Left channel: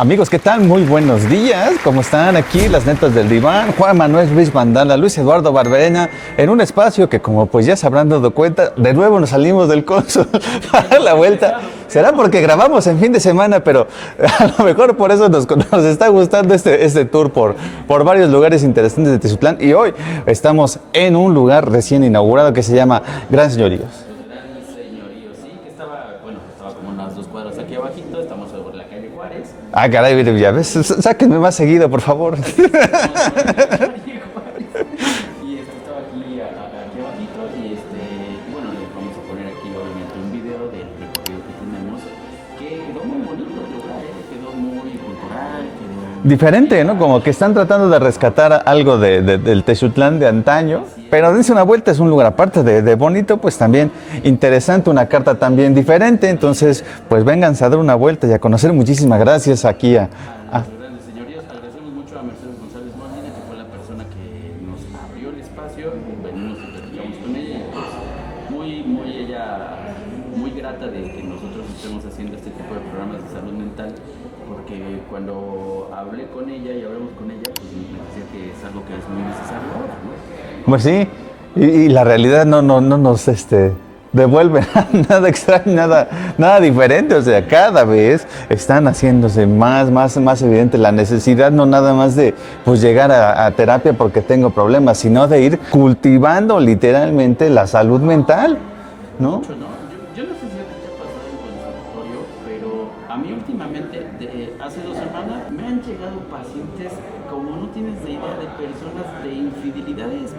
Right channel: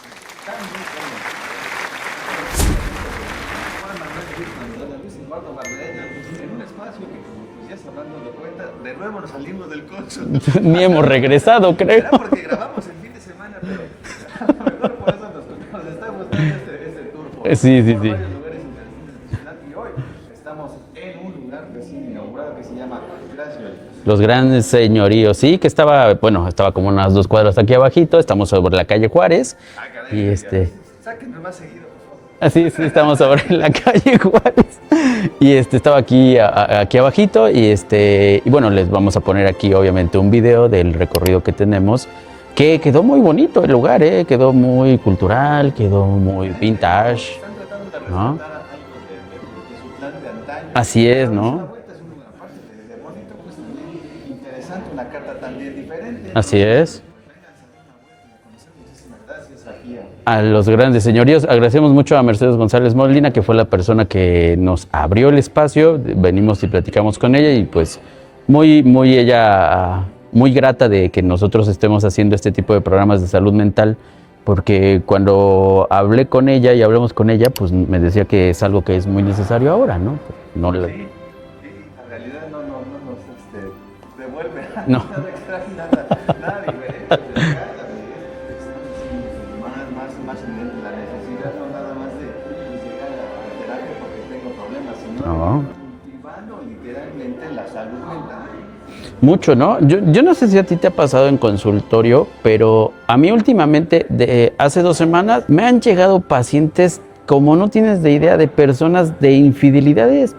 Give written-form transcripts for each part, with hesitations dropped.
Amigos, ¿qué tal? Muy buenos días. ¿Cómo están? Aquí las netas del diván. Juan Manuel Ruiz Mandala, Luis Eduardo Barberena, en un espacio que, como pues ya se habrán dado cuenta, de nuevo nos salimos del Consul. Ni hemos regresado, creo. Será porque grabamos en fin de semana, pero a lo mejor por eso nos está gustando este tour por varios lugares interesantes de Tezutlán. Y hoy estamos en un lugar recién inaugurado que se llama Gran Señoríos. Los Grandes Señoríos, sí, que estaba como unas 2 cuadras aquí abajito. Estamos sobre la calle Juárez. Ah, caray, mire, ya ves, sáquenme más seguido, por favor. Sí, estamos sobre la calle Juárez. Y estaba aquí abajito y bueno, les vamos a poner aquí obviamente un video del recorrido que tenemos. Que quedó muy bonito el lugar, quedó muy cultural, quedó muy diferente, vintage, ¿no? Como que están tratando de rescatar algo del Tezutlán de antaño. Así es, pero ¿no? dense una vuelta, es un lugar aparte de bonito, pues también interesante, una carta también diferente. Entonces, pues vénganse a dar una vuelta y a conocer. Muchísimas gracias aquí a los Grandes Señoríos. Agradecemos mucho a Mercedes González Molina, que fue la persona que nos abrió el espacio. Venimos y platicamos con ella y pues muy grata de que nosotros estemos haciendo este tipo de programas de salud mental, porque cuando hablé con ella y hablamos con ella, pues me decía que es algo que es muy necesario ahora, ¿no? Pues sí, y la realidad no nos devuelve nada extraño, nada diferente. O sea, cada vez están haciéndose más evidente la necesidad, no nada más de pues llegar a terapia porque tengo problemas, sino de ir cultivando literalmente la salud mental. Mucho, ¿no? Yo no sé si a ti te ha pasado en consultorio, pero a mí últimamente, hace 2 semanas, me han llegado pacientes, como no tienes de idea, de personas de infidelidades,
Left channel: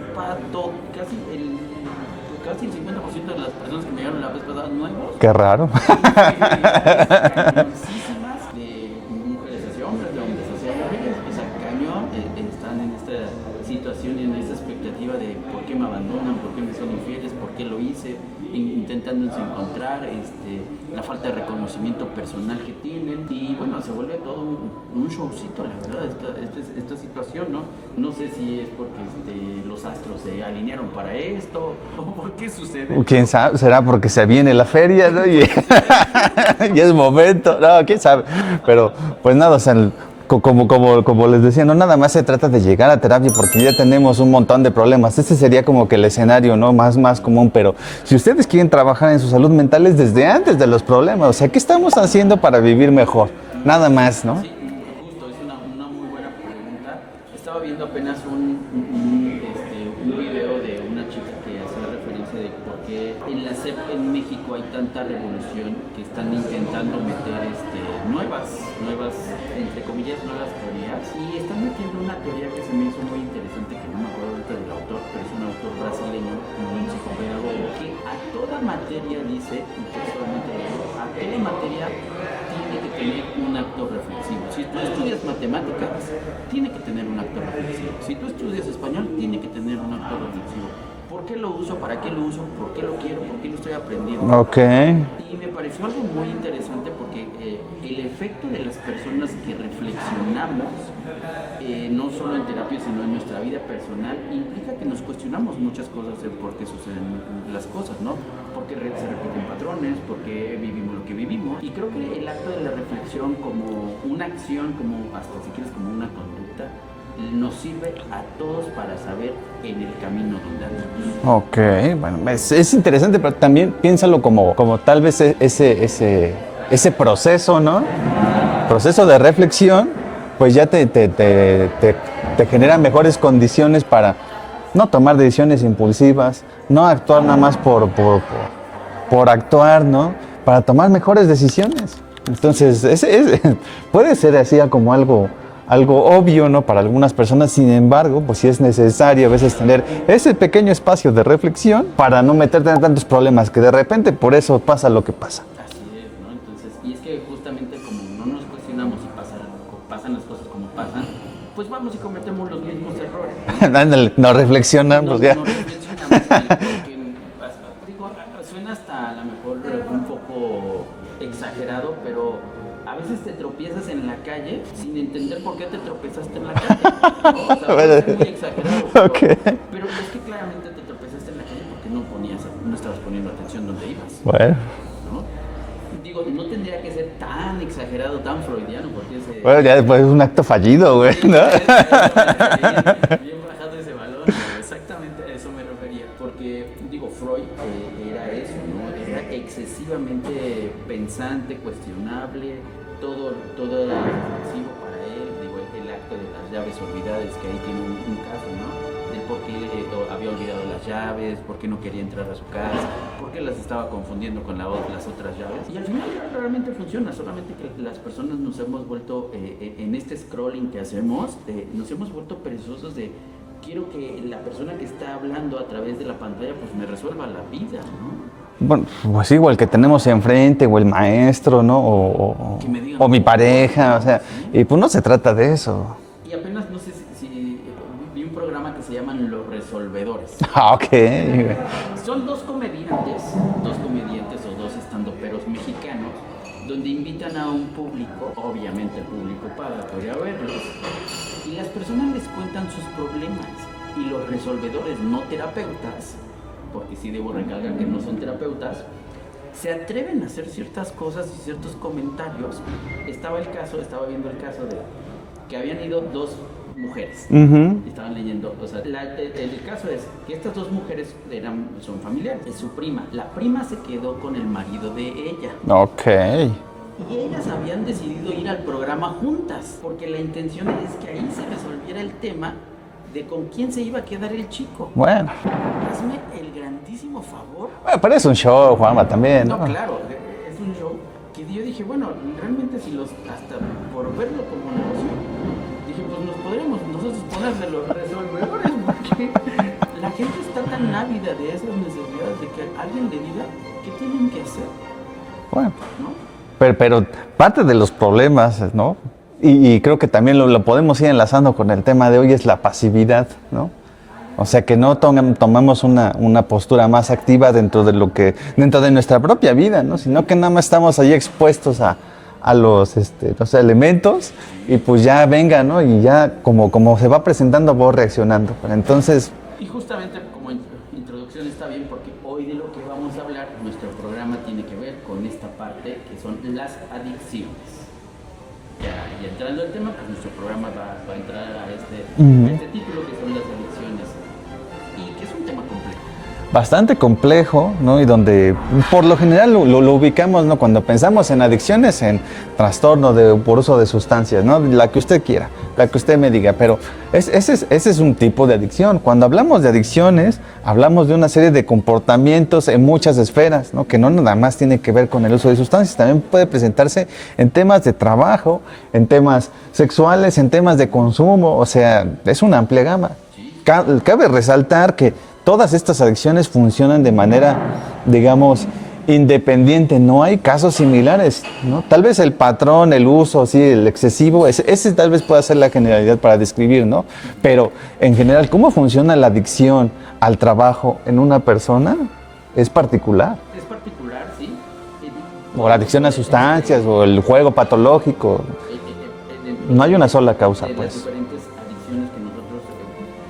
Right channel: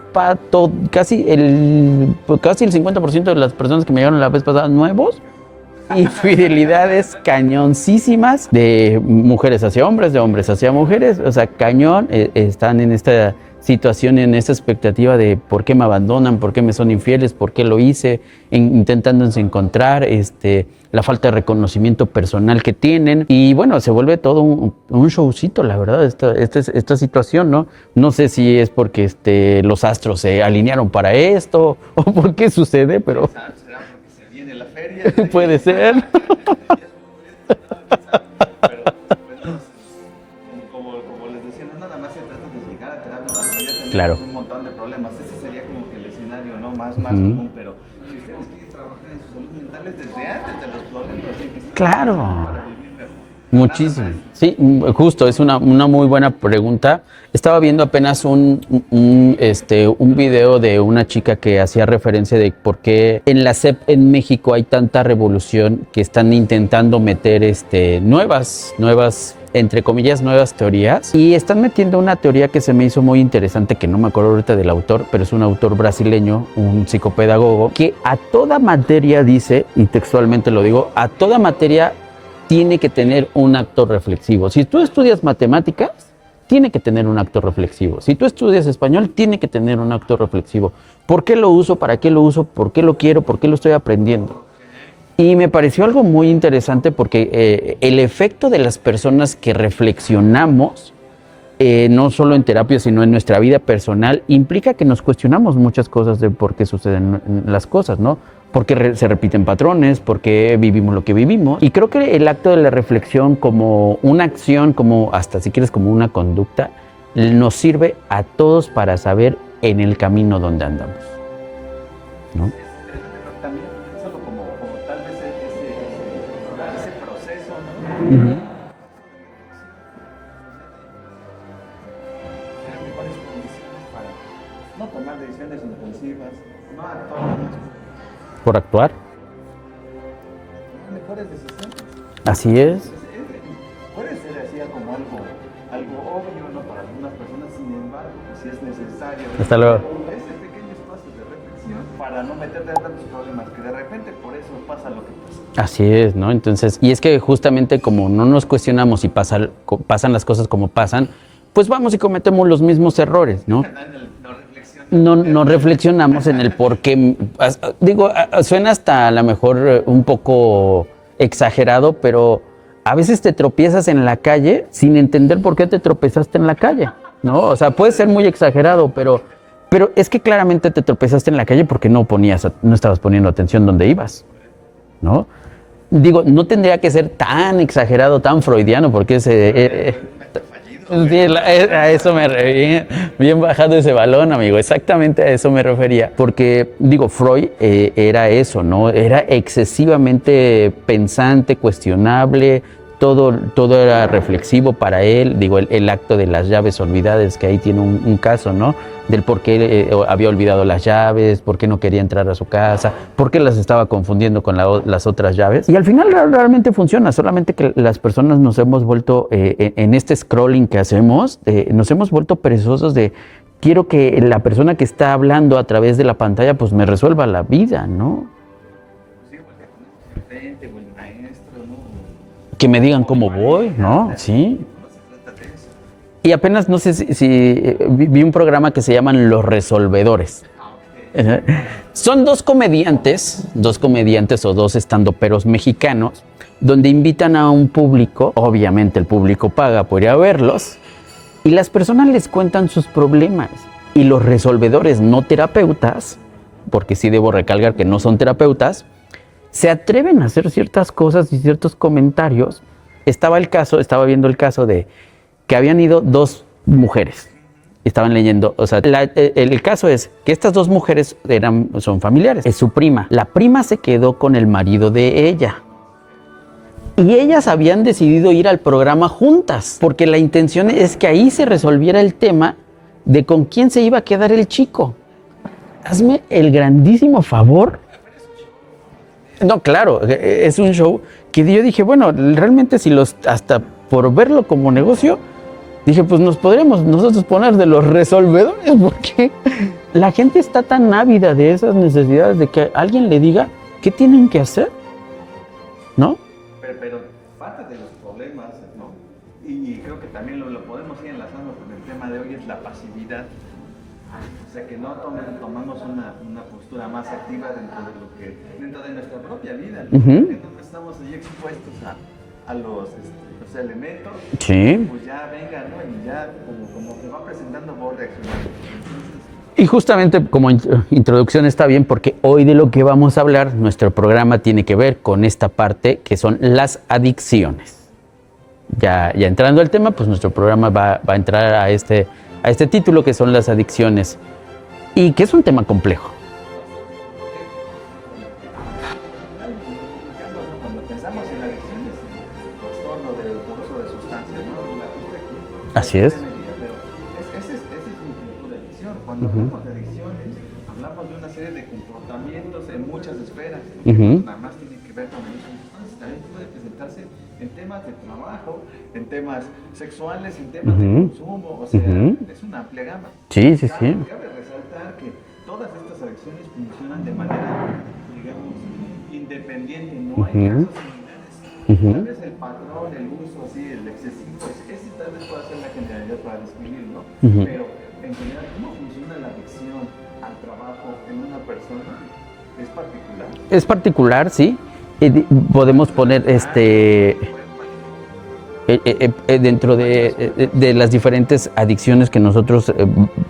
casi el 50% de las personas que me llegaron la vez pasada nuevos. Qué raro. Infidelidades cañoncísimas, de mujeres hacia hombres, de hombres hacia mujeres, o sea, cañón, están en esta situación, en esta expectativa de por qué me abandonan, por qué me son infieles, por qué lo hice, intentándose encontrar, la falta de reconocimiento personal que tienen. Y bueno, se vuelve todo un showcito, la verdad, esta situación, ¿no? No sé si es porque los astros se alinearon para esto o por qué sucede. ¿Quién sabe? ¿Será porque se viene la feria, ¿no? Puede ser. Y es momento, no, quién sabe. Pero pues nada, o sea, como les decía, no nada más se trata de llegar a terapia porque ya tenemos un montón de problemas. Ese sería como que el escenario, ¿no? más común, pero si ustedes quieren trabajar en su salud mental es desde antes de los problemas. O sea, ¿qué estamos haciendo para vivir mejor? Muchísimo. Nada más, ¿no? Sí, justo, es una muy buena pregunta. Estaba viendo apenas un video de una chica que hacía referencia de por qué en la SEP en México hay tanta revolución, que están intentando meter nuevas, entre comillas, nuevas teorías. Y están metiendo una teoría que se me hizo muy interesante, que no me acuerdo ahorita del autor, pero es un autor brasileño, un psicopedagogo, que a toda materia dice, y textualmente lo digo, a toda materia tiene que tener un acto reflexivo. Si tú estudias matemáticas, tiene que tener un acto reflexivo. Si tú estudias español, tiene que tener un acto reflexivo. ¿Por qué lo uso? ¿Para qué lo uso? ¿Por qué lo quiero? ¿Por qué lo estoy aprendiendo? Ok. Y me pareció algo muy interesante porque el efecto de las personas que reflexionamos, no solo en terapia, sino en nuestra vida personal, implica que nos cuestionamos muchas cosas de por qué suceden las cosas, ¿no? Por qué se repiten patrones, por qué vivimos lo que vivimos. Y creo que el acto de la reflexión como una acción, como hasta si quieres como una conducta, nos sirve a todos para saber en el camino donde andamos. Ok, bueno, es interesante, pero también piénsalo como tal vez ese proceso, ¿no? Proceso de reflexión, pues ya te genera mejores condiciones para no tomar decisiones impulsivas, no actuar nada más por actuar. Por actuar, ¿no? Para tomar mejores decisiones. Así entonces, puede ser así como algo obvio, ¿no? Para algunas personas, sin embargo, pues sí es necesario a veces tener ese pequeño espacio de reflexión para no meterte en tantos problemas, que de repente por eso pasa lo que pasa. Así es, ¿no? Entonces, y es que justamente como no nos cuestionamos y pasan las cosas como pasan, pues vamos y cometemos los mismos errores, ¿no? No reflexionamos. No reflexionamos en el por qué. Digo, suena hasta a lo mejor un poco exagerado, pero a veces te tropiezas en la calle sin entender por qué te tropezaste en la calle, ¿no? O sea, puede ser muy exagerado, pero es que claramente te tropezaste en la calle porque no estabas poniendo atención donde ibas, bueno, ¿no? digo, no tendría que ser tan exagerado, tan freudiano, porque Bueno, ya después es un acto fallido, güey. Sí, a eso me refería. Bien bajado ese balón, amigo. Exactamente a eso me refería. Porque, digo, Freud era eso, ¿no? Era excesivamente pensante, cuestionable. Todo era reflexivo para él. Digo, el acto de las llaves olvidadas, que ahí tiene un caso, ¿no? Del por qué había olvidado las llaves, por qué no quería entrar a su casa, por qué las estaba confundiendo con las otras llaves. Y al final realmente funciona, solamente que las personas nos hemos vuelto, en este scrolling que hacemos, nos hemos vuelto perezosos de quiero que la persona que está hablando a través de la pantalla pues me resuelva la vida, ¿no? Bueno, pues sí, o el que tenemos enfrente, o el maestro, ¿no? O que me digan o mi cómo pareja, voy, ¿no? o sea, Sí. y pues no se trata de eso. Y apenas, no sé si vi un programa que se llaman Los Resolvedores. Ah, ok. Son dos comediantes o dos estandoperos mexicanos, donde invitan a un público, obviamente el público paga por ir a verlos, y las personas les cuentan sus problemas. Y los resolvedores no terapeutas, porque sí debo recalcar que no son terapeutas, se atreven a hacer ciertas cosas y ciertos comentarios. Estaba viendo el caso de que habían ido dos mujeres. Estaban leyendo, o sea, el caso es que estas dos mujeres son familiares. Es su prima. La prima se quedó con el marido de ella. Ok. Y ellas habían decidido ir al programa juntas, porque la intención es que ahí se resolviera el tema de con quién se iba a quedar el chico. Bueno. Hazme el grandísimo favor. Bueno, pero es un show, Juanma, también. No, claro, es un show que yo dije, bueno, realmente hasta por verlo como negocio, dije, pues nos podríamos nosotros poner de los resolvedores, porque la gente está tan ávida de esas necesidades de que alguien le diga qué tienen que hacer, Bueno, ¿no? pero parte de los problemas, ¿no? Y creo que también lo podemos ir enlazando con el tema de hoy, es la pasividad, ¿no? O sea, que no tomamos una postura más activa dentro de nuestra propia vida, ¿no? Sino que nada más estamos ahí expuestos a los elementos. Sí. Y pues ya venga, ¿no? Y ya como se va presentando, vos reaccionando. Pero entonces... Y justamente como introducción está bien, porque hoy de lo que vamos a hablar, nuestro programa tiene que ver con esta parte que son las adicciones. Ya entrando al tema, pues nuestro programa va a entrar a este título, que son las adicciones, y que es un tema complejo. Bastante complejo, ¿no? Y donde por lo general lo ubicamos, ¿no? Cuando pensamos en adicciones, en trastorno por uso de sustancias, ¿no? La que usted quiera, la que usted me diga, pero ese es un tipo de adicción. Cuando hablamos de adicciones, hablamos de una serie de comportamientos en muchas esferas, ¿no? Que no nada más tiene que ver con el uso de sustancias, también puede presentarse en temas de trabajo, en temas sexuales, en temas de consumo, o sea, es una amplia gama. Sí. Cabe resaltar que todas estas adicciones funcionan de manera, digamos, independiente. No hay casos similares, ¿no? Tal vez el patrón, el uso, sí, el excesivo, ese tal vez pueda ser la generalidad para describir, ¿no? Pero en general, ¿cómo funciona la adicción al trabajo en una persona? Es particular. Es particular, sí. Podemos poner sustancias o el juego patológico. Dentro no hay una sola causa. De las diferentes adicciones que nosotros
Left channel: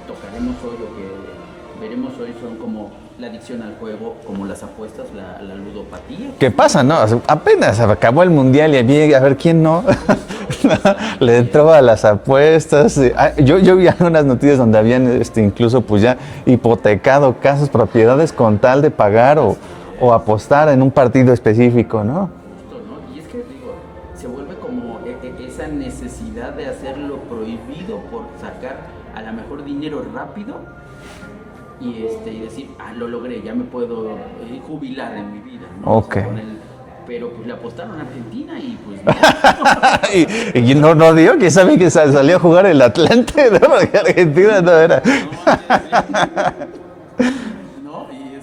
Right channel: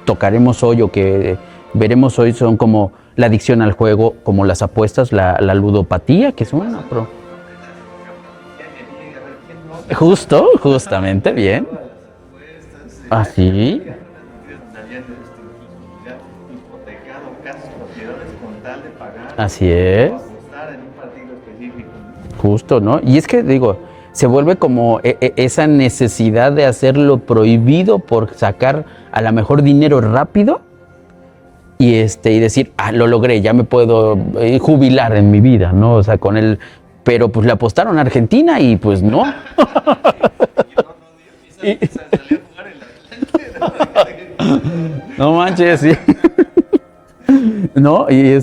tocaremos hoy o que veremos hoy, son como la adicción al juego, como las apuestas, la ludopatía. ¿Qué pasa, no? Apenas acabó el mundial y había, a ver quién no. Justamente. Le entró a las apuestas. ¿Sí? Yo vi algunas noticias donde habían incluso pues ya hipotecado casas, propiedades con tal de pagar o apostar en un partido específico, ¿no? Justo, ¿no? Y es que, digo, se vuelve como esa necesidad de hacer lo prohibido por sacar a lo mejor dinero rápido. Y decir, lo logré, ya me puedo jubilar en mi vida, ¿no? Okay. O sea, con él. Pero pues le apostaron a Argentina y pues no. y no dio, que sabía que salió a jugar el Atlante, ¿no? Porque Argentina no era. No manches, sí. No, y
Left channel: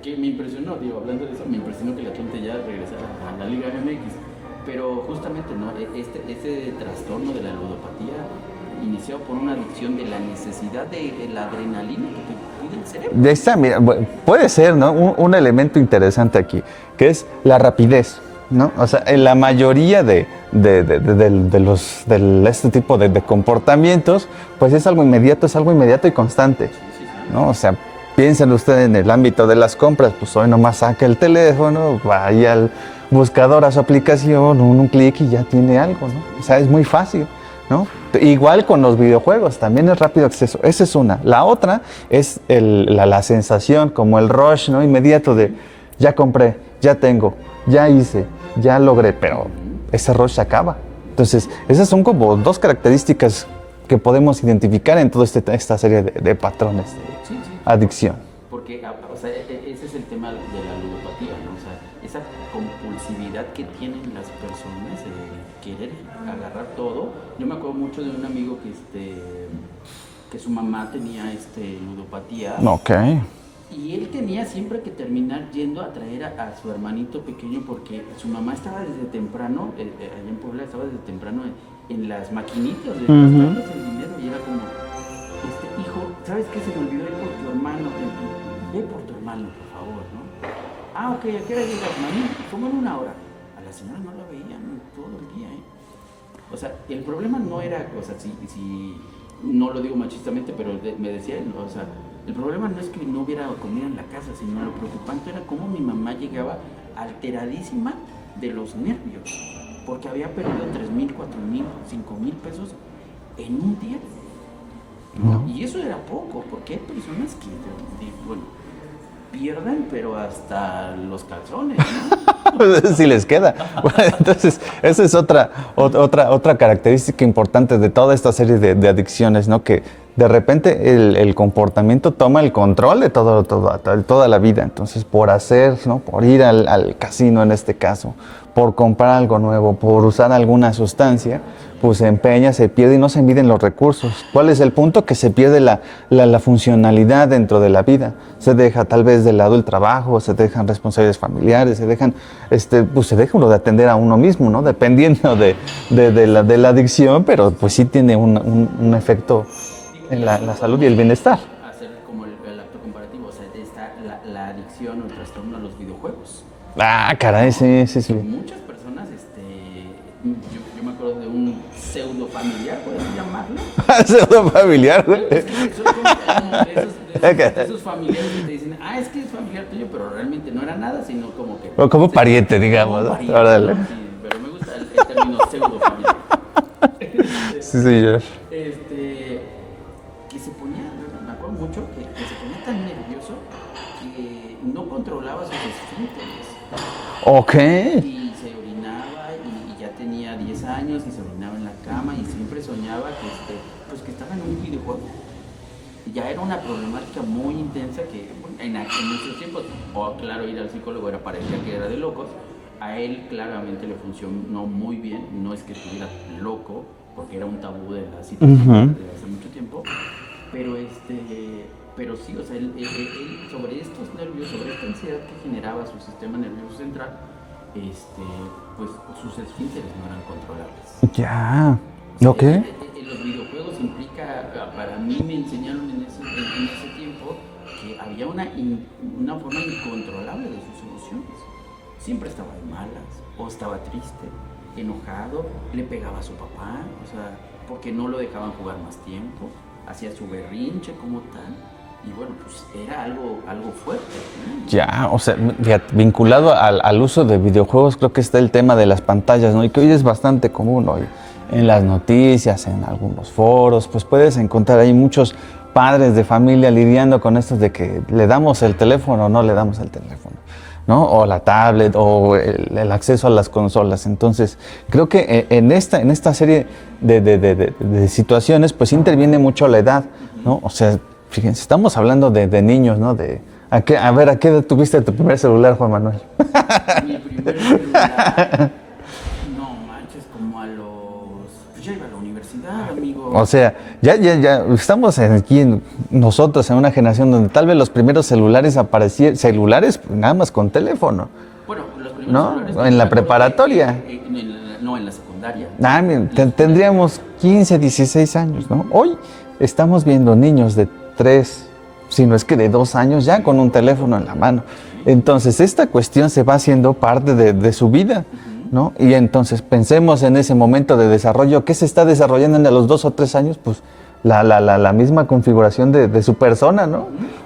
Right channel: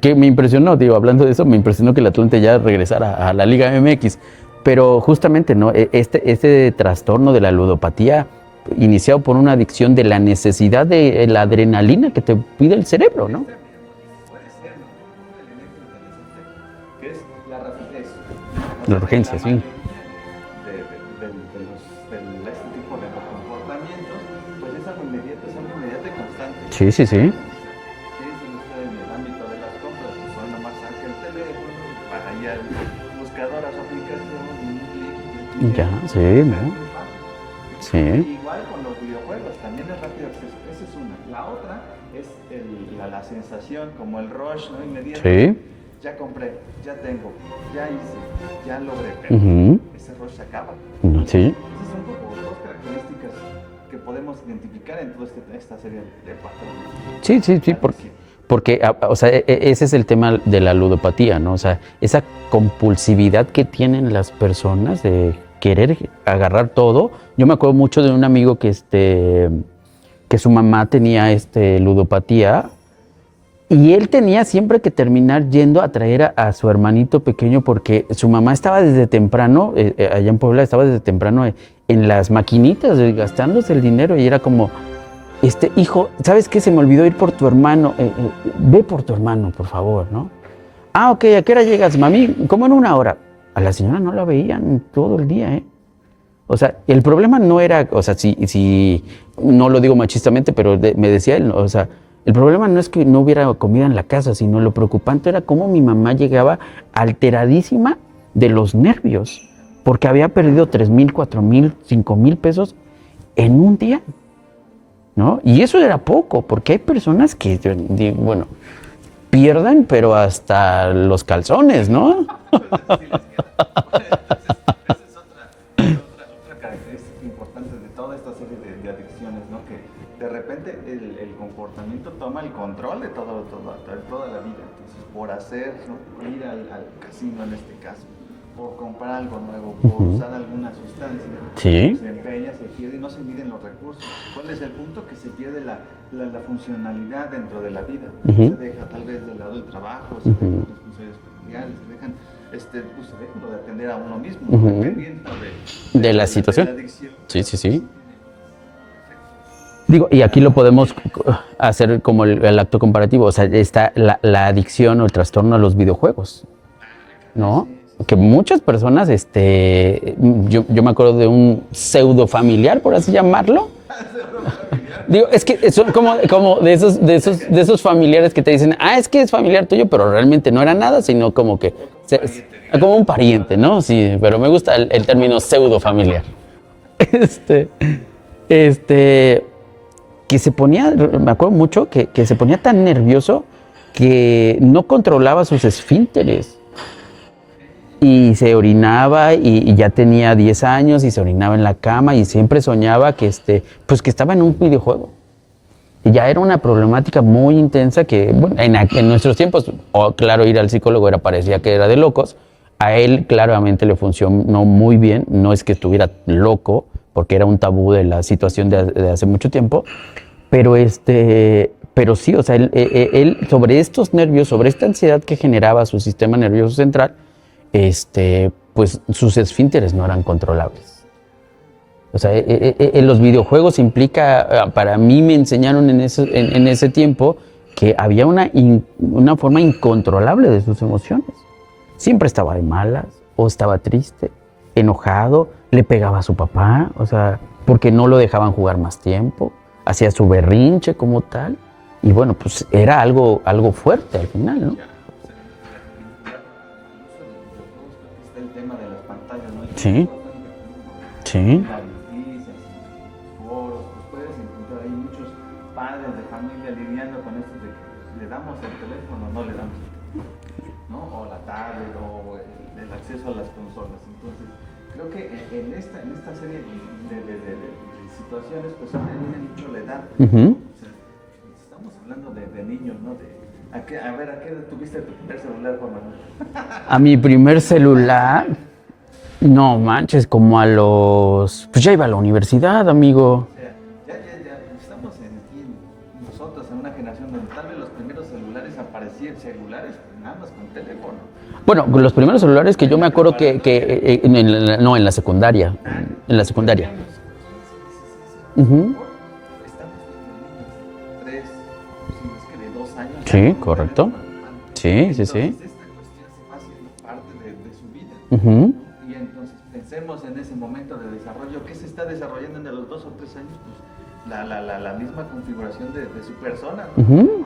que me impresionó, digo, hablando de eso, me impresionó que el Atlante ya regresara a la Liga MX. Pero justamente, ¿no? Este trastorno de la ludopatía, iniciado por una adicción de la necesidad de la adrenalina que te pide el cerebro, ¿no? Mira, puede ser, ¿no? Un elemento interesante aquí, que es la rapidez, ¿no? O sea, en la mayoría de este tipo de comportamientos, pues es algo inmediato y constante. Sí. ¿No? O sea, Piensen ustedes en el ámbito de las compras, pues hoy nomás saca el teléfono, vaya al buscador, a su aplicación, un clic y ya tiene algo. Sí, o sea, es muy fácil, ¿no? Sí. Igual con los videojuegos, también es rápido acceso. Esa es una. La otra es la sensación, como el rush, ¿no? Inmediato Sí. de ya compré, ya tengo, ya hice, ya logré, pero ese rush se acaba. Entonces, Sí. esas son como dos características que podemos identificar en toda esta serie de patrones. Sí, sí, sí. Adicción. Porque, o sea, ese es el tema de la ludopatía, ¿no? O sea, esa compulsividad que tienen las personas de querer agarrar todo. Yo me acuerdo mucho de un amigo que su mamá tenía ludopatía. Ok. Y él tenía siempre que terminar yendo a traer a su hermanito pequeño porque su mamá estaba desde temprano, allá en Puebla, estaba desde temprano en las maquinitas, gastándose el dinero y era como, hijo, ¿sabes qué? Se me olvidó ir por tu hermano, ve por tu hermano, por favor, ¿no? Ah, ok, ¿a qué hora llegas, mami? ¿Cómo en una hora? A la señora no la veían todo el día, ¿eh? O sea, el problema no era, o sea, si no lo digo machistamente, pero me decía él, o sea, el problema no es que no hubiera comida en la casa, sino lo preocupante era cómo mi mamá llegaba alteradísima de los nervios, porque había perdido 3,000, 4,000, 5,000 pesos en un día, ¿no? Y eso era poco, porque hay personas que, bueno, pierden, pero hasta los calzones, ¿no? Si les queda. Bueno, entonces, esa es otra característica importante de toda esta serie de adicciones, ¿no? Que de repente el comportamiento toma el control de toda la vida. Entonces, por hacer, ¿no? Por ir al casino en este caso, por comprar algo nuevo, por usar alguna sustancia, Sí. pues se empeña, se pierde y no se miden los recursos. ¿Cuál es el punto? Que se pierde la funcionalidad dentro de la vida. Se deja tal vez de lado el trabajo, se dejan responsabilidades familiares, se deja uno de atender a uno mismo, ¿no? Dependiendo de la adicción, pero Sí. pues sí tiene un efecto. Digo, y en aquí la lo salud podemos y el bienestar. hacer como el acto comparativo, o sea, está la adicción o el trastorno a los videojuegos. Ah, caray, ¿no? sí. Que muchas personas, yo me acuerdo de un pseudo familiar, por así llamarlo. Pseudo familiar. Digo, es que son como de esos familiares que te dicen, es que es familiar tuyo, pero realmente no era nada, sino como que... O como un pariente, digamos. Como un pariente, Órale. ¿no? Sí, pero me gusta el término pseudo familiar. Sí, señor. Que se ponía, me acuerdo mucho, que se ponía tan nervioso que no controlaba sus esfínteres. Ok. Y se orinaba y ya tenía 10 años y se orinaba en la cama y siempre soñaba que, que estaba en un videojuego. Y ya era una problemática muy intensa que, bueno, en nuestros tiempos, claro, ir al psicólogo parecía que era de locos. A él claramente le funcionó muy bien. No es que estuviera loco, porque era un tabú de la situación de hace mucho tiempo. Pero sí, o sea, él sobre estos nervios, sobre esta ansiedad que generaba su sistema nervioso central, pues sus esfínteres no eran controlables. Ya. O sea, Ok. en los videojuegos implica, para mí me enseñaron en ese tiempo que había una forma incontrolable de sus emociones. Siempre estaba de malas, o estaba triste, enojado, le pegaba a su papá, o sea, porque no lo dejaban jugar más tiempo, hacía su berrinche como tal. Y bueno, pues era algo fuerte al final, ¿no? Ya, o sea, fíjate, vinculado al uso de videojuegos, creo que está el tema de las pantallas, ¿no? Y que hoy es bastante común hoy. Sí. En las noticias, en algunos foros, pues puedes encontrar ahí muchos padres de familia lidiando con esto de que le damos el teléfono o no le damos el teléfono, ¿no? O la tablet o el acceso a las consolas. Entonces, creo que en esta serie de situaciones, pues interviene mucho la edad, ¿no? O sea, fíjense, estamos hablando de niños, ¿no? ¿A qué edad tuviste tu primer celular, Juan Manuel? A mi primer celular, no manches, como a los... Pues ya iba a la universidad, amigo. O sea, ya estamos nosotros en una generación donde tal vez los primeros celulares aparecían, nada más con teléfono. Bueno, los primeros No, celulares que en yo me la acuerdo preparatoria. en la secundaria. Miren, En la secundaria. tendríamos 15, 16 años, ¿no? Hoy estamos viendo niños de 3, si no es que de 2 años, ya Sí, con un correcto. teléfono en la mano. Sí, Entonces, sí. esta cuestión se va haciendo parte de su vida, ¿no? Y entonces pensemos en ese momento de desarrollo, ¿qué se está desarrollando a los 2 o 3 años? Pues la misma configuración de su persona, ¿no?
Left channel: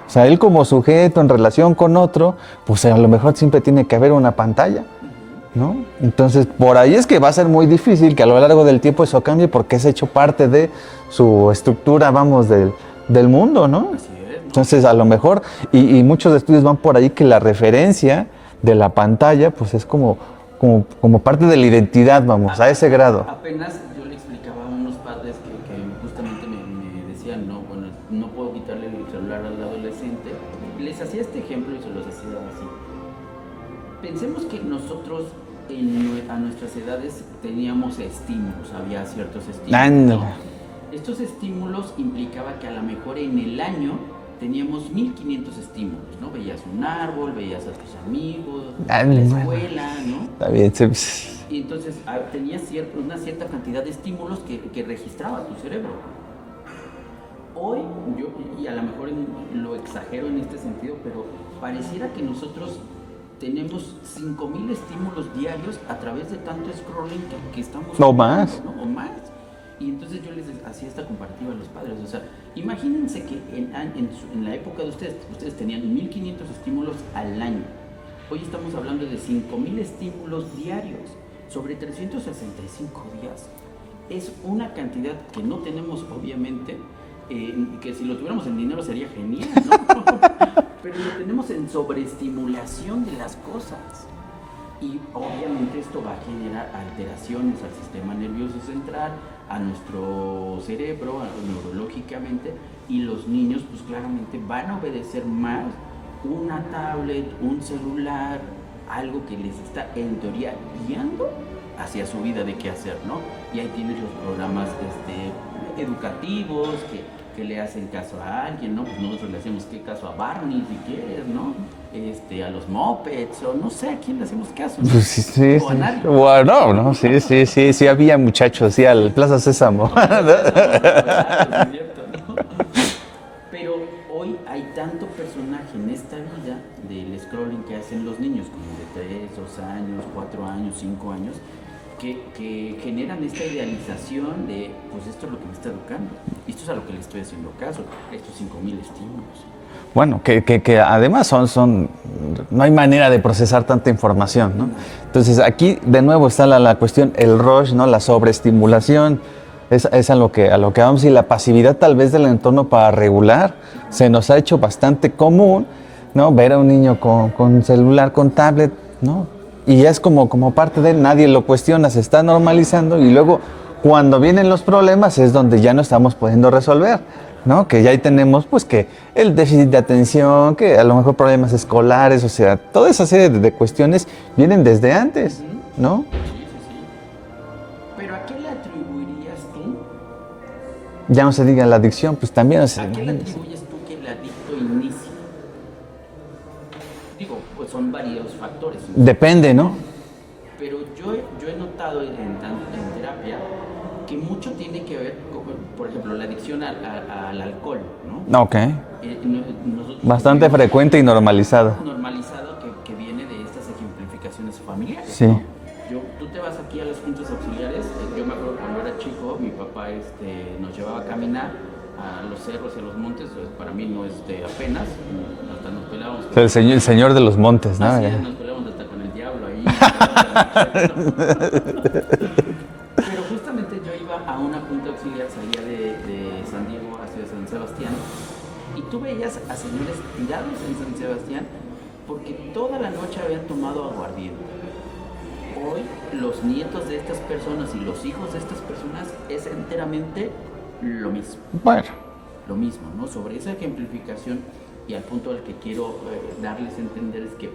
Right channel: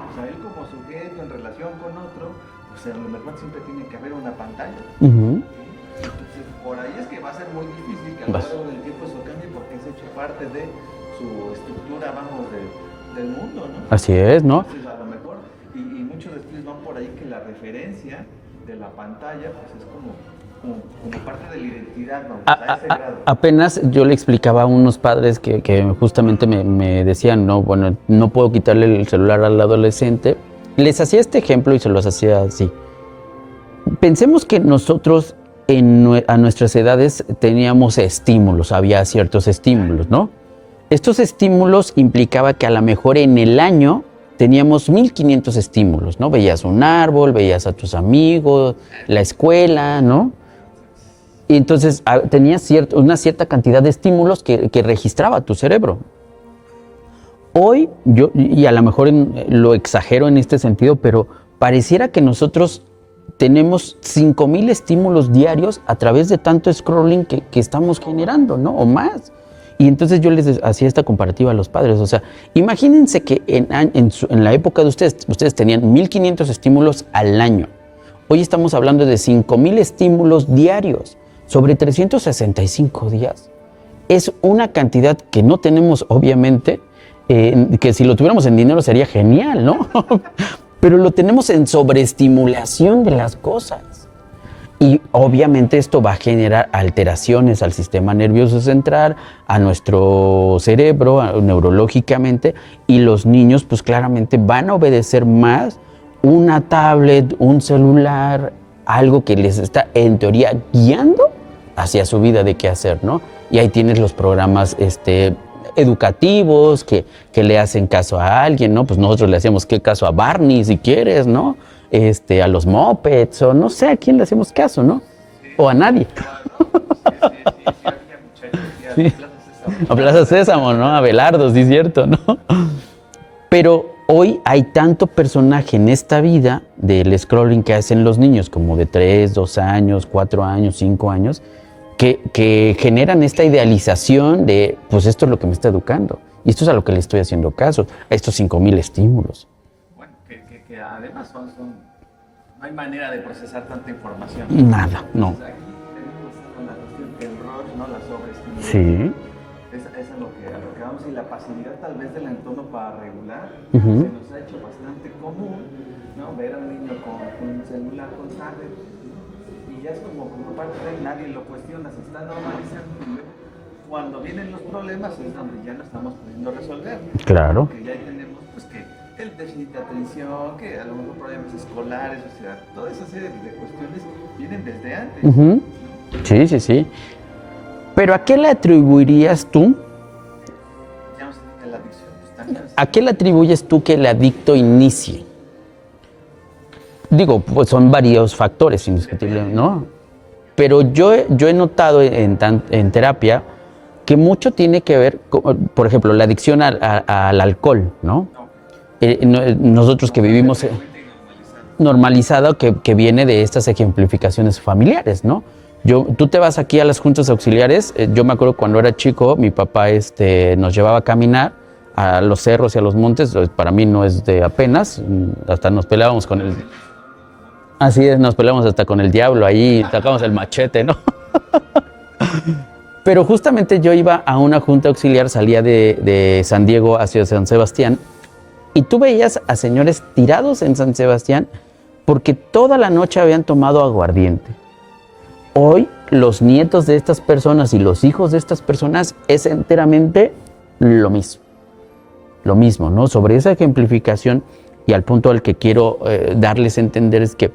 O sea, él como sujeto en relación con otro, pues a lo mejor siempre tiene que haber una pantalla, ¿no? Entonces, por ahí es que va a ser muy difícil que a lo largo del tiempo eso cambie porque es hecho parte de su estructura, vamos, del mundo, ¿no? Así es, ¿no? Entonces, a lo mejor, y muchos estudios van por ahí que la referencia de la pantalla, pues es como parte de la identidad, vamos, a ese grado. Apenas yo le explicaba a unos padres que justamente me decían, no, bueno, no puedo quitarle el celular al adolescente. Les hacía este ejemplo y se los hacía así. Pensemos que nosotros a nuestras edades teníamos estímulos, había ciertos estímulos, ¿no? Estos estímulos implicaba que a lo mejor en el año teníamos 1500 estímulos, ¿no? Veías un árbol, veías a tus amigos, la escuela, ¿no? Está bien, Y entonces tenías una cierta cantidad de estímulos que registraba tu cerebro. Hoy, y a lo mejor lo exagero en este sentido, pero pareciera que nosotros tenemos 5000 estímulos diarios a través de tanto scrolling que estamos generando, ¿no? O más. Y entonces yo les hacía esta comparativa a los padres. O sea, imagínense que en la época de ustedes tenían 1500 estímulos al año. Hoy estamos hablando de 5000 estímulos diarios sobre 365 días. Es una cantidad que no tenemos, obviamente, que si lo tuviéramos en dinero sería genial, ¿no? Pero lo tenemos en sobreestimulación de las cosas. Y obviamente esto va a generar alteraciones al sistema nervioso central, a nuestro cerebro, neurológicamente, y los niños pues claramente van a obedecer más una tablet, un celular, algo que les está en teoría guiando hacia su vida de qué hacer, ¿no? Y ahí tienes los programas educativos que le hacen caso a alguien, ¿no? Pues nosotros le hacemos qué caso a Barney si quieres, ¿no? A los Muppets, o no sé a quién le hacemos caso, ¿no? Sí, o a nadie. Bueno, no, sí, había muchachos, sí, a la Plaza Sésamo. A Plaza Sésamo, ¿no? A Belardo, sí es cierto, ¿no? Pero hoy hay tanto personaje en esta vida del scrolling que hacen los niños, como de 3, 2 años, 4 años, 5 años, que generan esta idealización de, pues esto es lo que me está educando. Y esto es a lo que le estoy haciendo caso, a estos 5000 estímulos. Bueno, que además no hay manera de procesar tanta información, ¿no? Nada. Entonces aquí de nuevo está la cuestión, el rush, ¿no? La sobreestimulación. Sí. Es a lo que vamos, y la pasividad tal vez del entorno para regular. Se nos ha hecho bastante común, ¿no? Ver a un niño con celular, con tablet, ¿no? Y es como parte de él, nadie lo cuestiona, se está normalizando, y luego cuando vienen los problemas es donde ya no estamos pudiendo resolver, claro, ¿no? Que ya ahí tenemos pues que el déficit de atención, que a lo mejor problemas escolares, o sea, toda esa serie de cuestiones vienen desde antes, ¿no? Sí. ¿Pero a qué le atribuirías tú? Ya no se diga la adicción, pues también. O sea, ¿a qué le atribuyes tú que el adicto inicie? Digo, pues son varios factores. Depende, ¿no? Pero yo he notado en terapia que mucho tiene que ver, por ejemplo, la adicción al alcohol, ¿no? Ok. Nosotros bastante que vivimos... Bastante frecuente y normalizado. Normalizado que viene de estas ejemplificaciones familiares, sí, ¿no? Tú te vas aquí a las juntas auxiliares, yo me acuerdo cuando era chico, mi papá nos llevaba a caminar a los cerros y a los montes, para mí no es de apenas, hasta nos peleábamos con el señor de los montes, ¿no? Así es, nos peleábamos hasta con el diablo ahí, sacamos el machete, ¿no? Pero justamente yo iba a una junta auxiliar, salía de San Diego hacia San Sebastián, y tú veías a señores tirados en San Sebastián porque toda la noche habían tomado aguardiente. Hoy los nietos de estas personas y los hijos de estas personas es enteramente lo mismo. Bueno, lo mismo, ¿no? Sobre esa ejemplificación, y al punto al que quiero darles a entender es que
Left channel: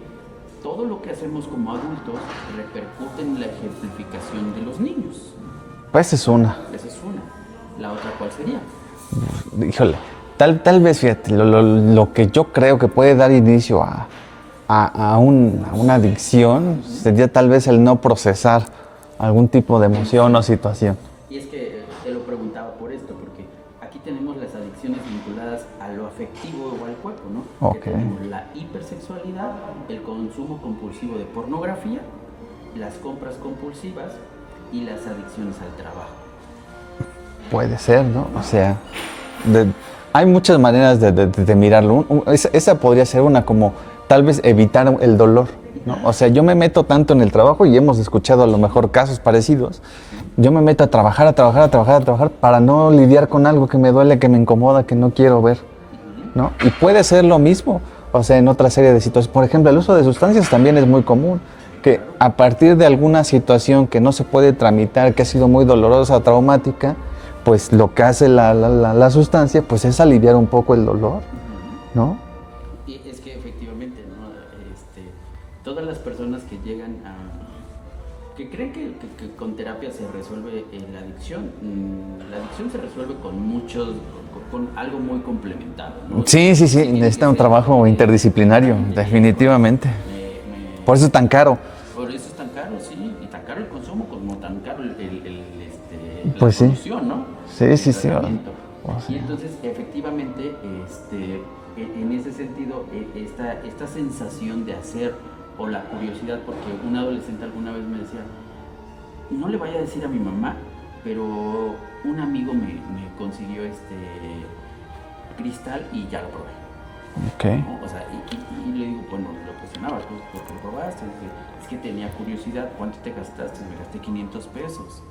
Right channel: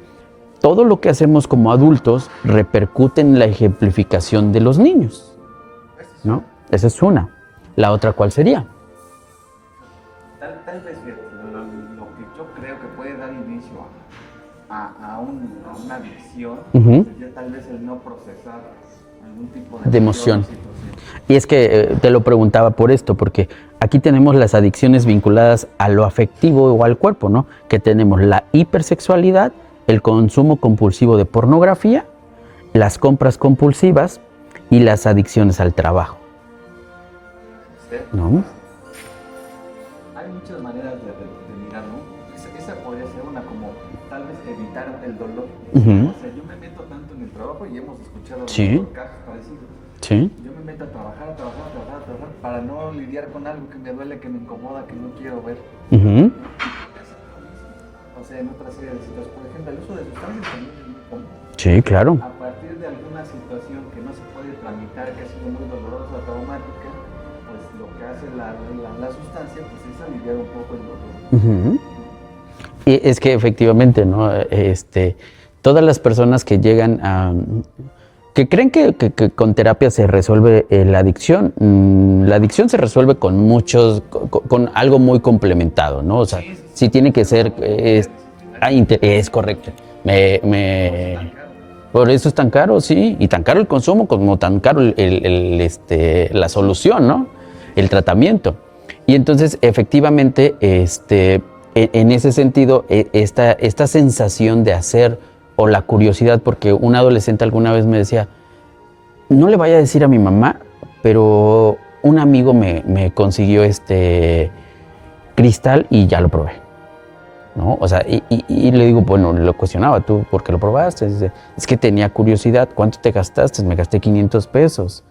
todo lo que hacemos como adultos repercute en la ejemplificación de los niños. Pues esa es una. Esa es una. ¿La otra cuál sería? Híjole, tal vez, fíjate, lo que yo creo que puede dar inicio a una adicción sería tal vez el no procesar algún tipo de emoción o situación. Y es que te lo preguntaba por esto, porque aquí tenemos las adicciones vinculadas a lo afectivo o al cuerpo, ¿no? Okay. Que tenemos la hipersexualidad, el consumo compulsivo de pornografía, las compras compulsivas y las adicciones al trabajo. Puede ser, ¿no? O sea, hay muchas maneras de mirarlo. Esa podría ser una, como tal vez evitar el dolor, ¿no? O sea, yo me meto tanto en el trabajo y hemos escuchado a lo mejor casos parecidos. Sí. Yo me meto a trabajar para no lidiar con algo que me duele, que me incomoda, que no quiero ver, ¿no? Y puede ser lo mismo, o sea, en otra serie de situaciones. Por ejemplo, el uso de sustancias también es muy común. Sí, claro. A partir de alguna situación que no se puede tramitar, que ha sido muy dolorosa o traumática, pues lo que hace la sustancia pues es aliviar un poco el dolor, ¿no? Y es que efectivamente, ¿no? Todas las personas que llegan que creen que con terapia se resuelve la adicción se resuelve con algo muy complementado, ¿no? O sea, sí, tiene que ser un trabajo interdisciplinario, definitivamente. Por eso es tan caro. Por eso es tan caro, sí, y tan caro el consumo como tan caro la solución, ¿no? Sí, el tratamiento. Y entonces, efectivamente, en ese sentido, esta sensación de hacer o la curiosidad, porque un adolescente alguna vez me decía, no le vaya a decir a mi mamá, pero un amigo me consiguió cristal y ya lo probé. Okay. ¿No? O sea, y le digo, bueno, lo cuestionaba, ¿tú por qué lo probaste? Dice, es que tenía curiosidad, ¿cuánto te gastaste? Me gasté 500 pesos.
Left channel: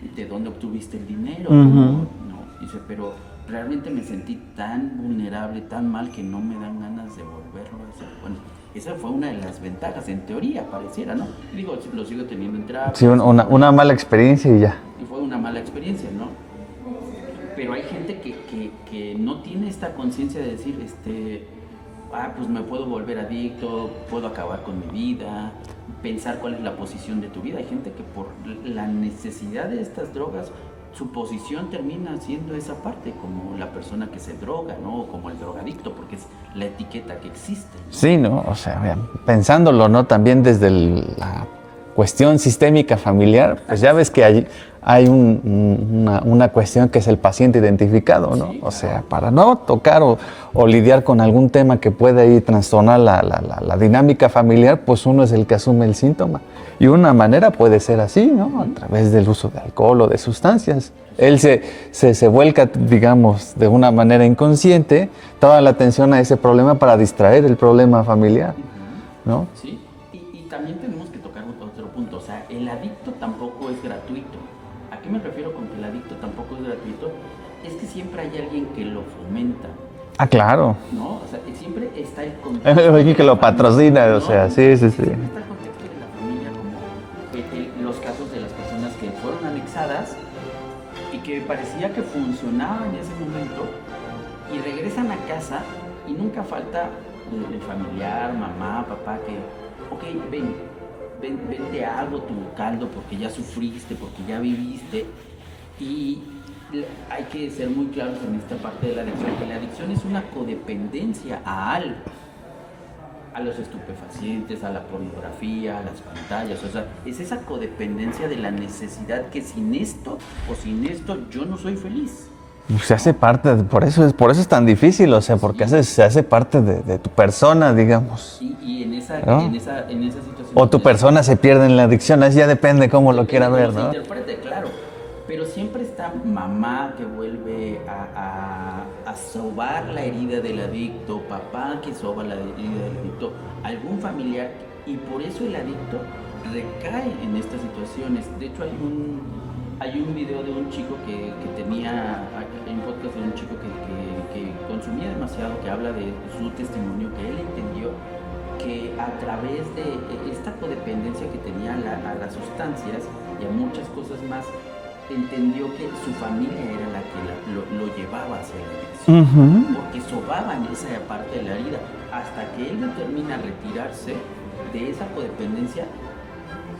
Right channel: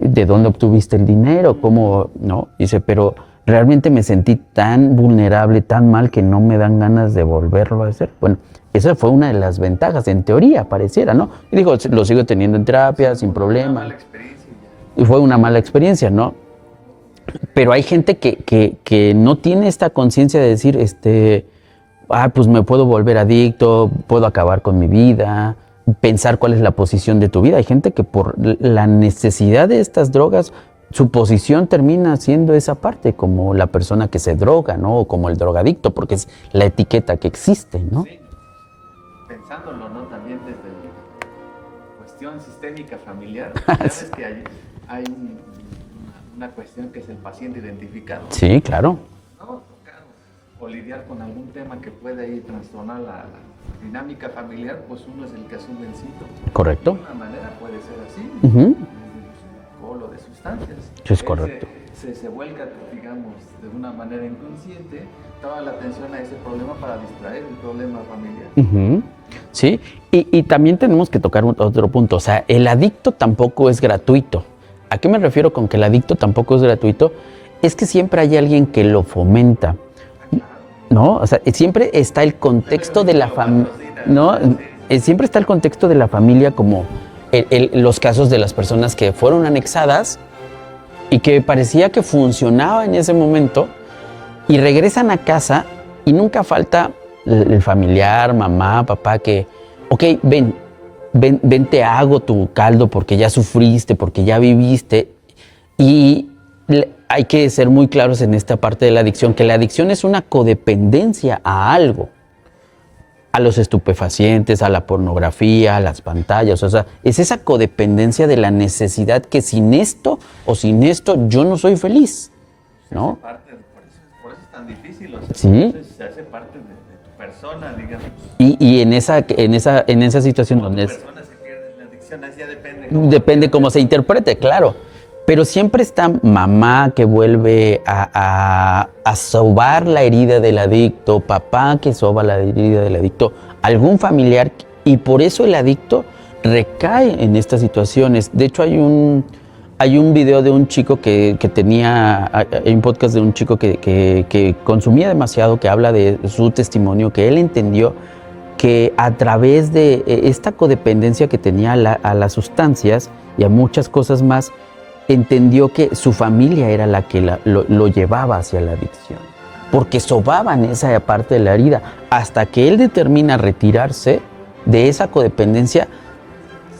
¿De dónde obtuviste el dinero? ¿Cómo? ¿No? Dice, pero realmente me sentí tan vulnerable, tan mal, que no me dan ganas de volverlo a hacer. Bueno, esa fue una de las ventajas, en teoría, pareciera, ¿no? Y digo, lo sigo teniendo en terapia. Sí, una mala experiencia y ya. Y fue una mala experiencia, ¿no? Pero hay gente que no tiene esta conciencia de decir, pues me puedo volver adicto, puedo acabar con mi vida, pensar cuál es la posición de tu vida. Hay gente que por la necesidad de estas drogas, su posición termina siendo esa parte, como la persona que se droga, ¿no? O como el drogadicto, porque es la etiqueta que existe, ¿no? Sí, ¿no? O sea, vean, pensándolo, ¿no? También desde la cuestión sistémica familiar, pues ya ves que hay una cuestión que es el paciente identificado, ¿no? Sí, claro. O sea, para no tocar o lidiar con algún tema que pueda ahí trastornar la dinámica familiar, pues uno es el que asume el síntoma. Correcto. Y una manera puede ser así, ¿no? A través del uso de alcohol o de sustancias. Él se vuelca, digamos, de una manera inconsciente, toda la atención a ese problema para distraer el problema familiar, ¿no? Sí, y también tenemos que tocar otro punto. O sea, el adicto tampoco es gratuito. ¿A qué me refiero con que el adicto tampoco es gratuito? Es que siempre hay alguien que lo fomenta. Ah, claro. ¿No? O sea, siempre está el contexto de la familia. lo patrocina, ¿no? O sea, sí. Siempre está el contexto de la familia, como los casos de las personas que fueron anexadas y que parecía que funcionaba en ese momento y regresan a casa y nunca falta el familiar, mamá, papá, que, ok, ven, te hago tu caldo porque ya sufriste, porque ya viviste. Y hay que ser muy claros en esta parte de la adicción, que la adicción es una codependencia a algo, a los estupefacientes, a la pornografía, a las pantallas. O sea, es esa codependencia de la necesidad que sin esto yo no soy feliz. Se hace parte, por eso es tan difícil, o sea, porque se hace parte de tu persona, digamos. Y en esa situación. O tu persona se pierde en la adicción, eso ya depende cómo lo Depende cómo se ¿no? interprete, claro. Pero siempre está mamá que vuelve a sobar la herida del adicto, papá que soba la herida del adicto, algún familiar, y por eso el adicto recae en estas situaciones. De hecho, hay un video de un chico hay un podcast de un chico que consumía demasiado, que habla de su testimonio, que él entendió que a través de esta codependencia que tenía a las sustancias y a muchas cosas más, entendió que su familia era la que lo llevaba hacia la adicción, porque sobaban esa parte de la herida, hasta que él determina retirarse de esa codependencia.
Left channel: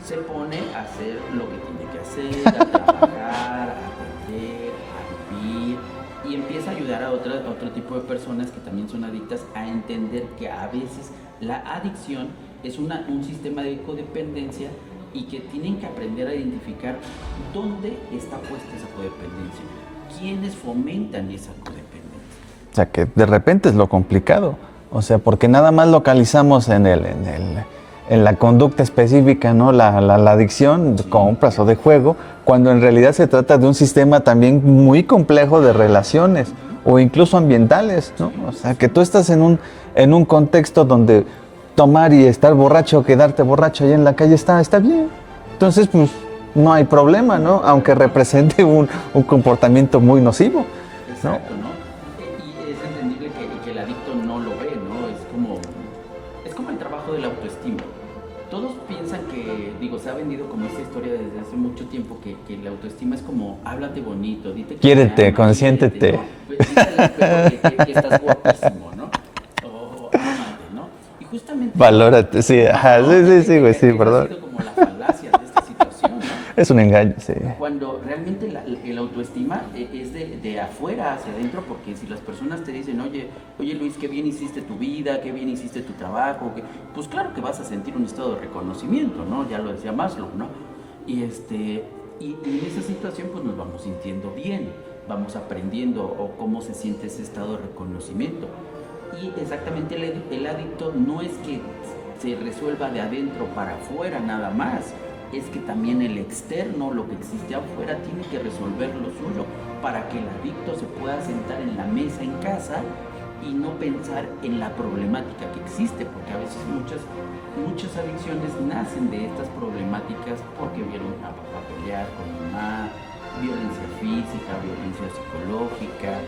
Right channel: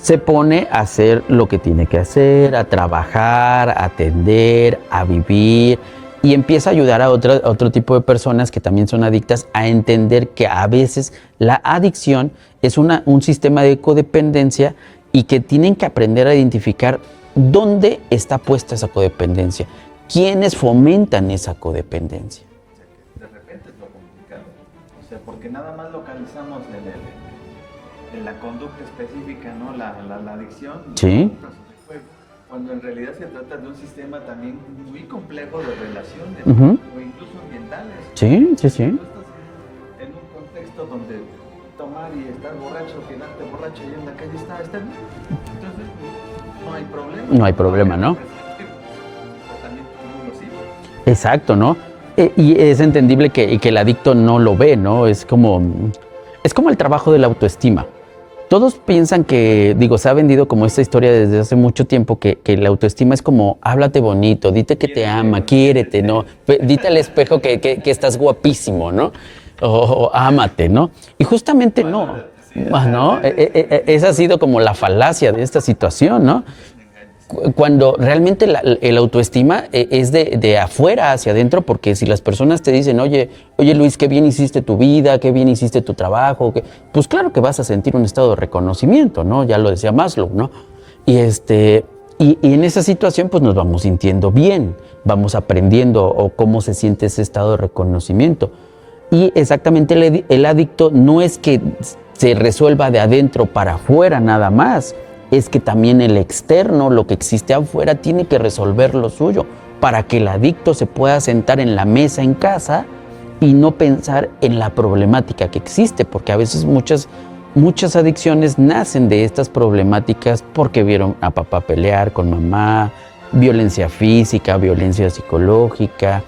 Se pone a hacer lo que tiene que hacer, a trabajar, a atender, a vivir, y empieza a ayudar a otro tipo de personas que también son adictas a entender que a veces la adicción es un sistema de codependencia y que tienen que aprender a identificar dónde está puesta esa codependencia, quiénes fomentan esa codependencia. O sea, que de repente es lo complicado, o sea, porque nada más localizamos en en la conducta específica, ¿no? La adicción, Sí. compras o de juego, cuando en realidad se trata de un sistema también muy complejo de relaciones o incluso ambientales, ¿no? Sí, O sea, sí, que sí. tú estás en un contexto donde tomar y estar borracho, quedarte borracho ahí en la calle está bien. Entonces, pues, no hay problema, No hay ¿no? problema, Aunque ¿no? represente un comportamiento muy nocivo. Exacto, ¿no? Y es entendible que el adicto no lo ve, ¿no? Es como el trabajo de la autoestima. Todos piensan que, digo, se ha vendido como esta historia desde hace mucho tiempo que la autoestima es como, háblate bonito, dite que Quiérete, te ama, consiéntete. quiérete, ¿no? Dite al espejo que estás guapísimo, ¿no? O ámate, ¿no? Y justamente... ¿no? Valórate, sí, Ajá, ¿no? sí, güey, sí, Esa ha perdón. sido como la falacia de esta situación, ¿no? Es un engaño, sí. Cuando realmente el autoestima es de afuera hacia adentro, porque si las personas te dicen, oye Luis, qué bien hiciste tu vida, qué bien hiciste tu trabajo, pues claro que vas a sentir un estado de reconocimiento, ¿no? Ya lo decía Maslow, ¿no? Y en esa situación pues nos vamos sintiendo bien, vamos aprendiendo o cómo se siente ese estado de reconocimiento. Y exactamente el adicto no es que se resuelva de adentro para afuera nada más, es que también el externo, lo que existe afuera, tiene que resolver lo suyo para que el adicto se pueda sentar en la mesa en casa y no pensar en la problemática que existe, porque a veces muchas adicciones nacen de estas problemáticas porque vieron a papá pelear con mamá, violencia física, violencia psicológica,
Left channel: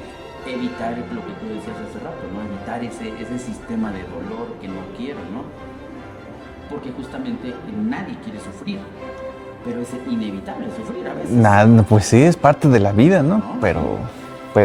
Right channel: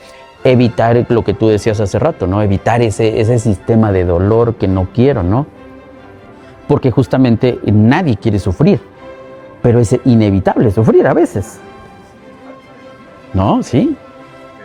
evitar lo que tú decías hace rato, ¿no? Evitar ese sistema de dolor que no quiero, ¿no? Porque justamente nadie quiere sufrir, pero es inevitable sufrir a veces. Nada, pues sí, es parte de la vida, ¿no? No, pero, sí.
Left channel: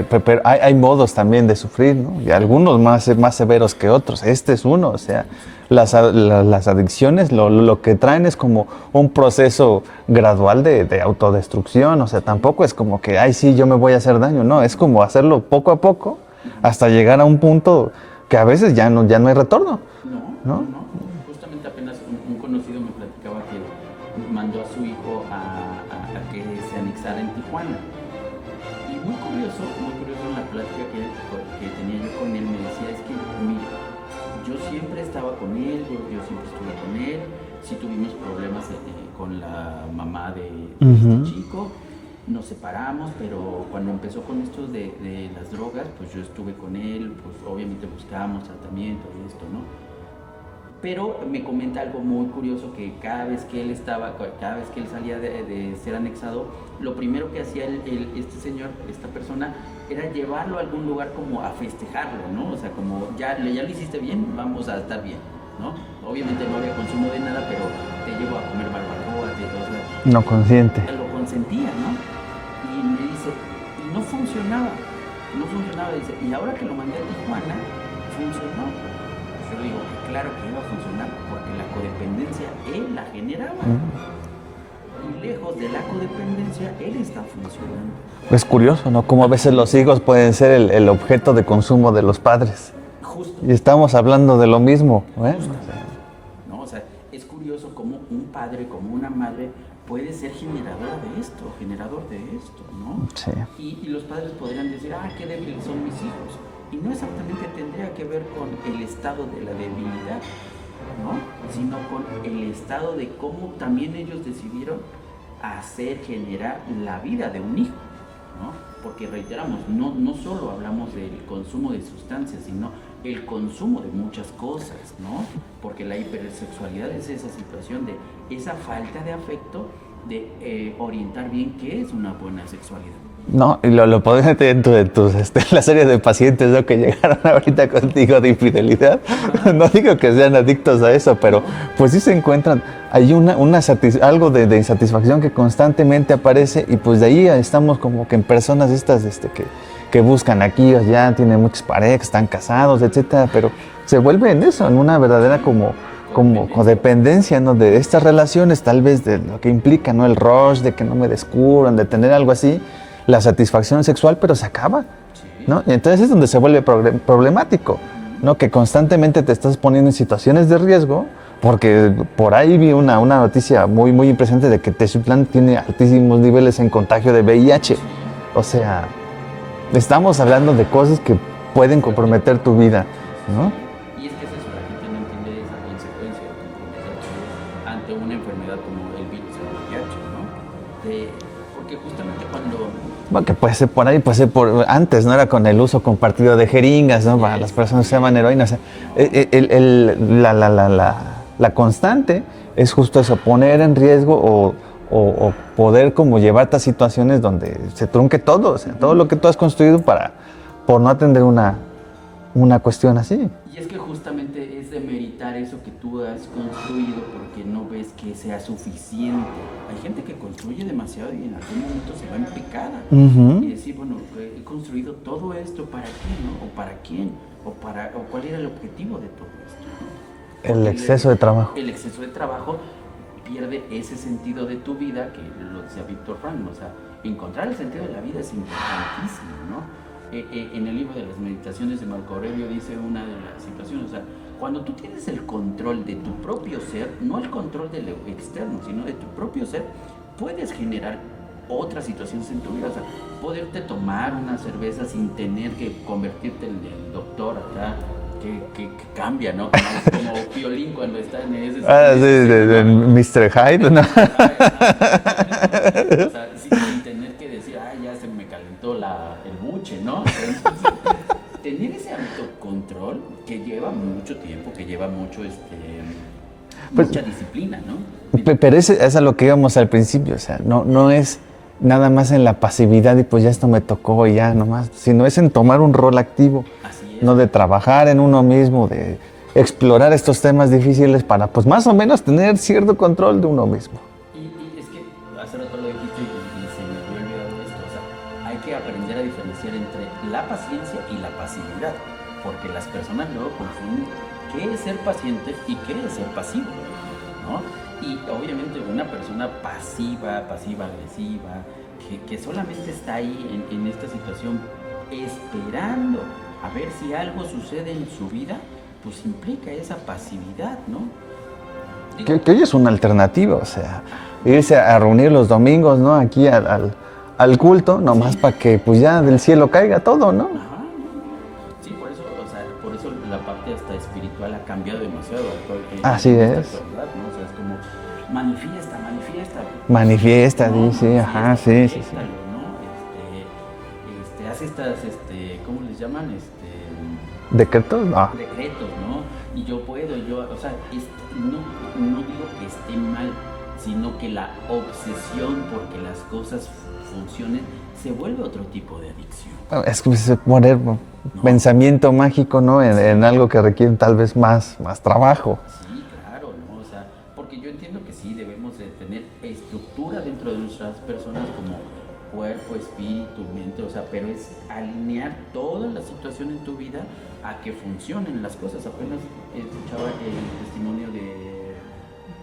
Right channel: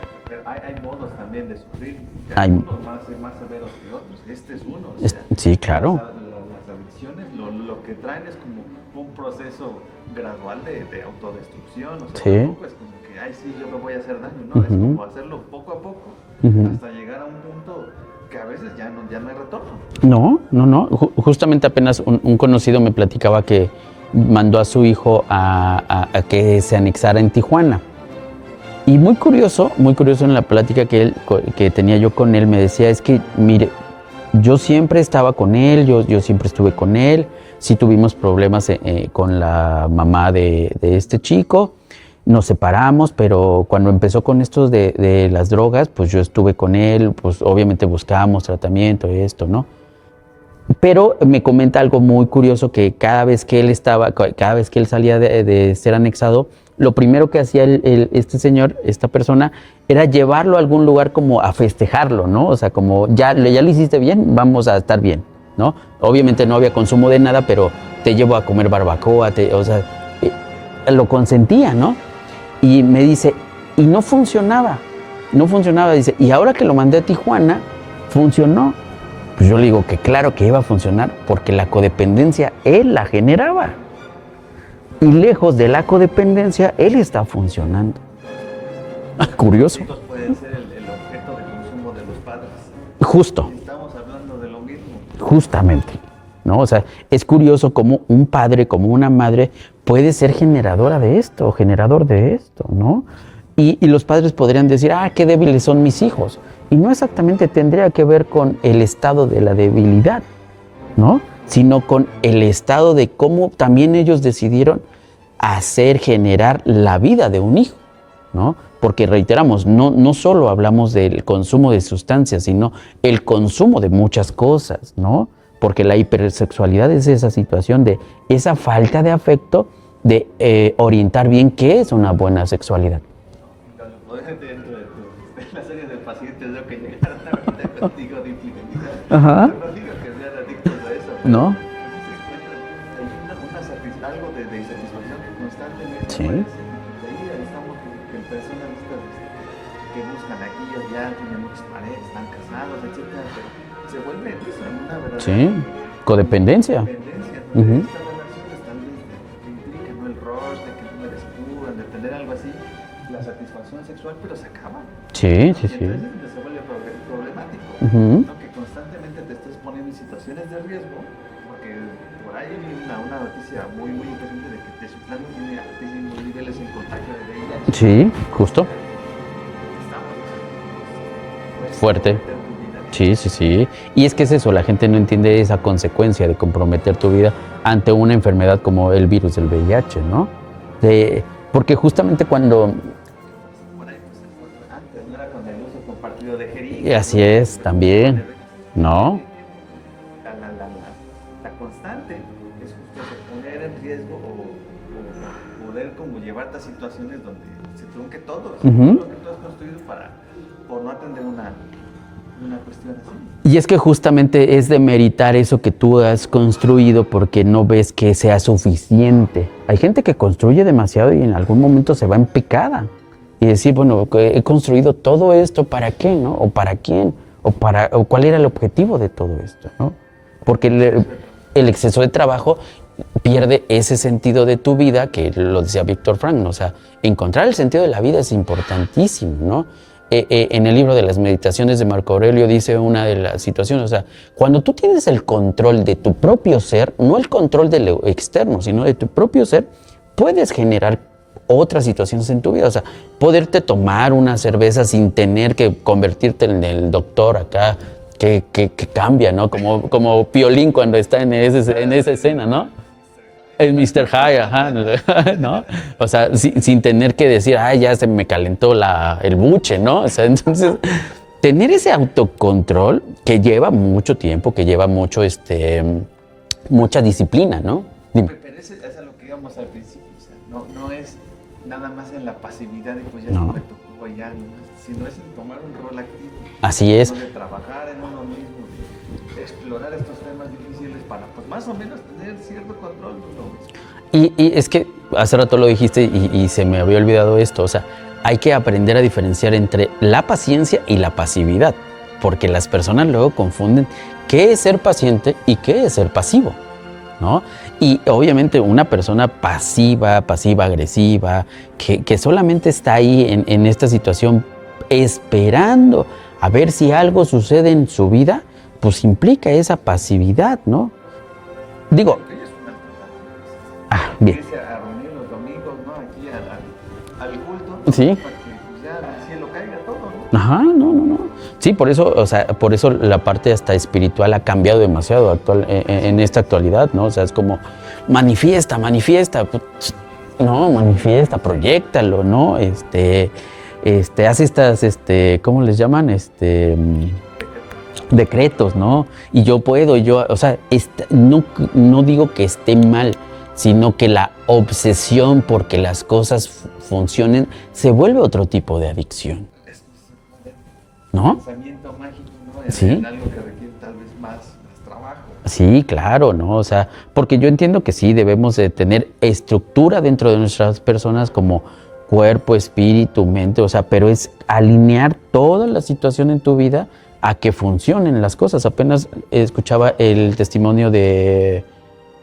Pero hay modos también de sufrir, ¿no? Y algunos más severos que otros. Este es uno, o sea. Sí, claro. Las adicciones lo que traen es como un proceso gradual de autodestrucción, o sea, Sí. tampoco es como que, ay, sí, yo me voy a hacer daño, no, es como hacerlo poco a poco hasta llegar a un punto que a veces ya no hay retorno. No. Justamente apenas un conocido me platicaba que mandó a su hijo a que se anexara en Tijuana. Y muy curioso en la plática que tenía yo con él, me decía, es que, mire, yo siempre estaba con él, yo siempre estuve con él, sí tuvimos problemas con la mamá de este chico, nos separamos, pero cuando empezó con esto de las drogas, pues yo estuve con él, pues obviamente buscábamos tratamiento y esto, ¿no? Pero me comenta algo muy curioso, que cada vez que él salía de ser anexado, lo primero que hacía este señor, esta persona, era llevarlo a algún lugar como a festejarlo, ¿no? O sea, como ya lo hiciste bien, vamos a estar bien, ¿no? Obviamente no había consumo de nada, pero te llevo a comer barbacoa, o sea... No consciente. Lo consentía, ¿no? Y me dice, y no funcionaba, dice, y ahora que lo mandé a Tijuana, funcionó. Pues yo le digo que claro que iba a funcionar, porque la codependencia él la generaba. Y lejos de la codependencia, él está funcionando. Es curioso, ¿no? Como a veces los hijos pueden ser el objeto de consumo de los padres. Justo. Y estamos hablando de lo mismo, ¿no? Justamente, ¿no? O sea, es curioso cómo un padre, como una madre, puede ser generador de esto, ¿no? Sí. Y los padres podrían decir, qué débiles son mis hijos. Y no exactamente tendría que ver con el estado de la debilidad, ¿no? Sino con el estado de cómo también ellos decidieron generar la vida de un hijo, ¿no? Porque reiteramos, no solo hablamos del consumo de sustancias, sino el consumo de muchas cosas, ¿no? Porque la hipersexualidad es esa situación de esa falta de afecto, de orientar bien qué es una buena sexualidad. No, y lo podés meter en la serie de pacientes, ¿no? Que llegaron ahorita contigo de infidelidad. Ajá. No digo que sean adictos a eso, pero ¿no? Pues sí se encuentran, hay algo de insatisfacción que constantemente aparece, y pues de ahí estamos como que en personas estas que buscan aquí o allá, tienen muchas parejas, están casados, etcétera, pero se vuelve en eso, en una verdadera codependencia, ¿no? De estas relaciones, tal vez de lo que implica, ¿no? El rush, de que no me descubran, de tener algo así. La satisfacción sexual, pero se acaba. Sí, ¿no? Y entonces es donde se vuelve problemático, ¿no? Que constantemente te estás poniendo en situaciones de riesgo, porque por ahí vi una noticia muy, muy impresionante de que Teciutlán tiene altísimos niveles en contagio de VIH. Sí, justo. O sea, estamos hablando de cosas que pueden fuerte. comprometer tu vida. Sí, sí, ¿no? sí. Y es que es eso, la gente no entiende esa consecuencia de comprometer tu vida ante una enfermedad como el virus del VIH, ¿no? Porque justamente cuando... Bueno, que puede ser por ahí, puede ser por... Antes, ¿no? Era con el uso compartido de jeringas, ¿no? Así Para es, las personas también. que llevan heroína. O sea, No. la constante es justo eso, poner en riesgo o poder como llevarte a situaciones donde se trunque todo, o sea, todo lo que tú has construido por no atender una cuestión así. Y es que justamente es demeritar eso que tú has construido porque no ves que sea suficiente. Hay gente que construye demasiado y en algún momento se va en picada. Y decir, bueno, he construido todo esto, ¿para qué, no? ¿O para quién? ¿O cuál era el objetivo de todo esto, no? Porque el exceso de trabajo. El exceso de trabajo pierde ese sentido de tu vida, que lo decía Víctor Frank, ¿no? O sea, encontrar el sentido de la vida es importantísimo, ¿no? En el libro de las meditaciones de Marco Aurelio dice una de las situaciones, o sea, cuando tú tienes el control de tu propio ser, no el control de lo externo, sino de tu propio ser, puedes generar otras situaciones en tu vida, o sea, poderte tomar una cerveza sin tener que convertirte en el doctor acá, que cambia, ¿no? Como Piolín cuando está en esa escena, ¿no? Mr. Hyde. El Mr. Hyde, ajá, ¿no? O sea, sin tener que decir, ay, ya se me calentó el buche, ¿no? O sea, entonces, tener ese autocontrol que lleva mucho tiempo, que lleva mucho, mucha disciplina, ¿no? Pero es a lo que íbamos al principio, o sea, no es nada más en la pasividad y pues ya esto me tocó y ya nomás, sino es en tomar un rol activo. Así es. ¿No? De trabajar en uno mismo, de explorar estos temas difíciles para pues más o menos tener cierto control de uno mismo. Y es que hace rato lo dijiste y se me había olvidado esto, o sea, hay que aprender a diferenciar entre la paciencia y la pasividad, porque las personas luego confunden qué es ser paciente y qué es ser pasivo, ¿no? Y obviamente una persona pasiva-agresiva, que solamente está ahí en esta situación esperando a ver si algo sucede en su vida, pues implica esa pasividad, ¿no? Digo, que hoy es una alternativa, o sea, irse a reunir los domingos, ¿no? Aquí al culto, nomás para que pues ya del cielo caiga todo, ¿no? Ajá, no. Sí, por eso, o sea, por eso la parte hasta espiritual ha cambiado demasiado en esta actualidad, ¿no? O sea, es como manifiesta. Manifiesta. No, manifiesta, proyéctalo, ¿no? Hace estas, ¿cómo les llaman? ¿Decretos? No. Decretos, ¿no? Y yo puedo, o sea, no digo que esté mal, sino que la obsesión porque las cosas funcionen se vuelve otro tipo de adicción. Es que se poner pensamiento mágico, ¿no? En algo que requiere tal vez más trabajo. Sí, claro, ¿no? O sea, porque yo entiendo que sí debemos de tener estructura dentro de nuestras personas como cuerpo, espíritu, mente, o sea, pero es alinear toda la situación en tu vida a que funcionen las cosas. Apenas escuchaba el testimonio de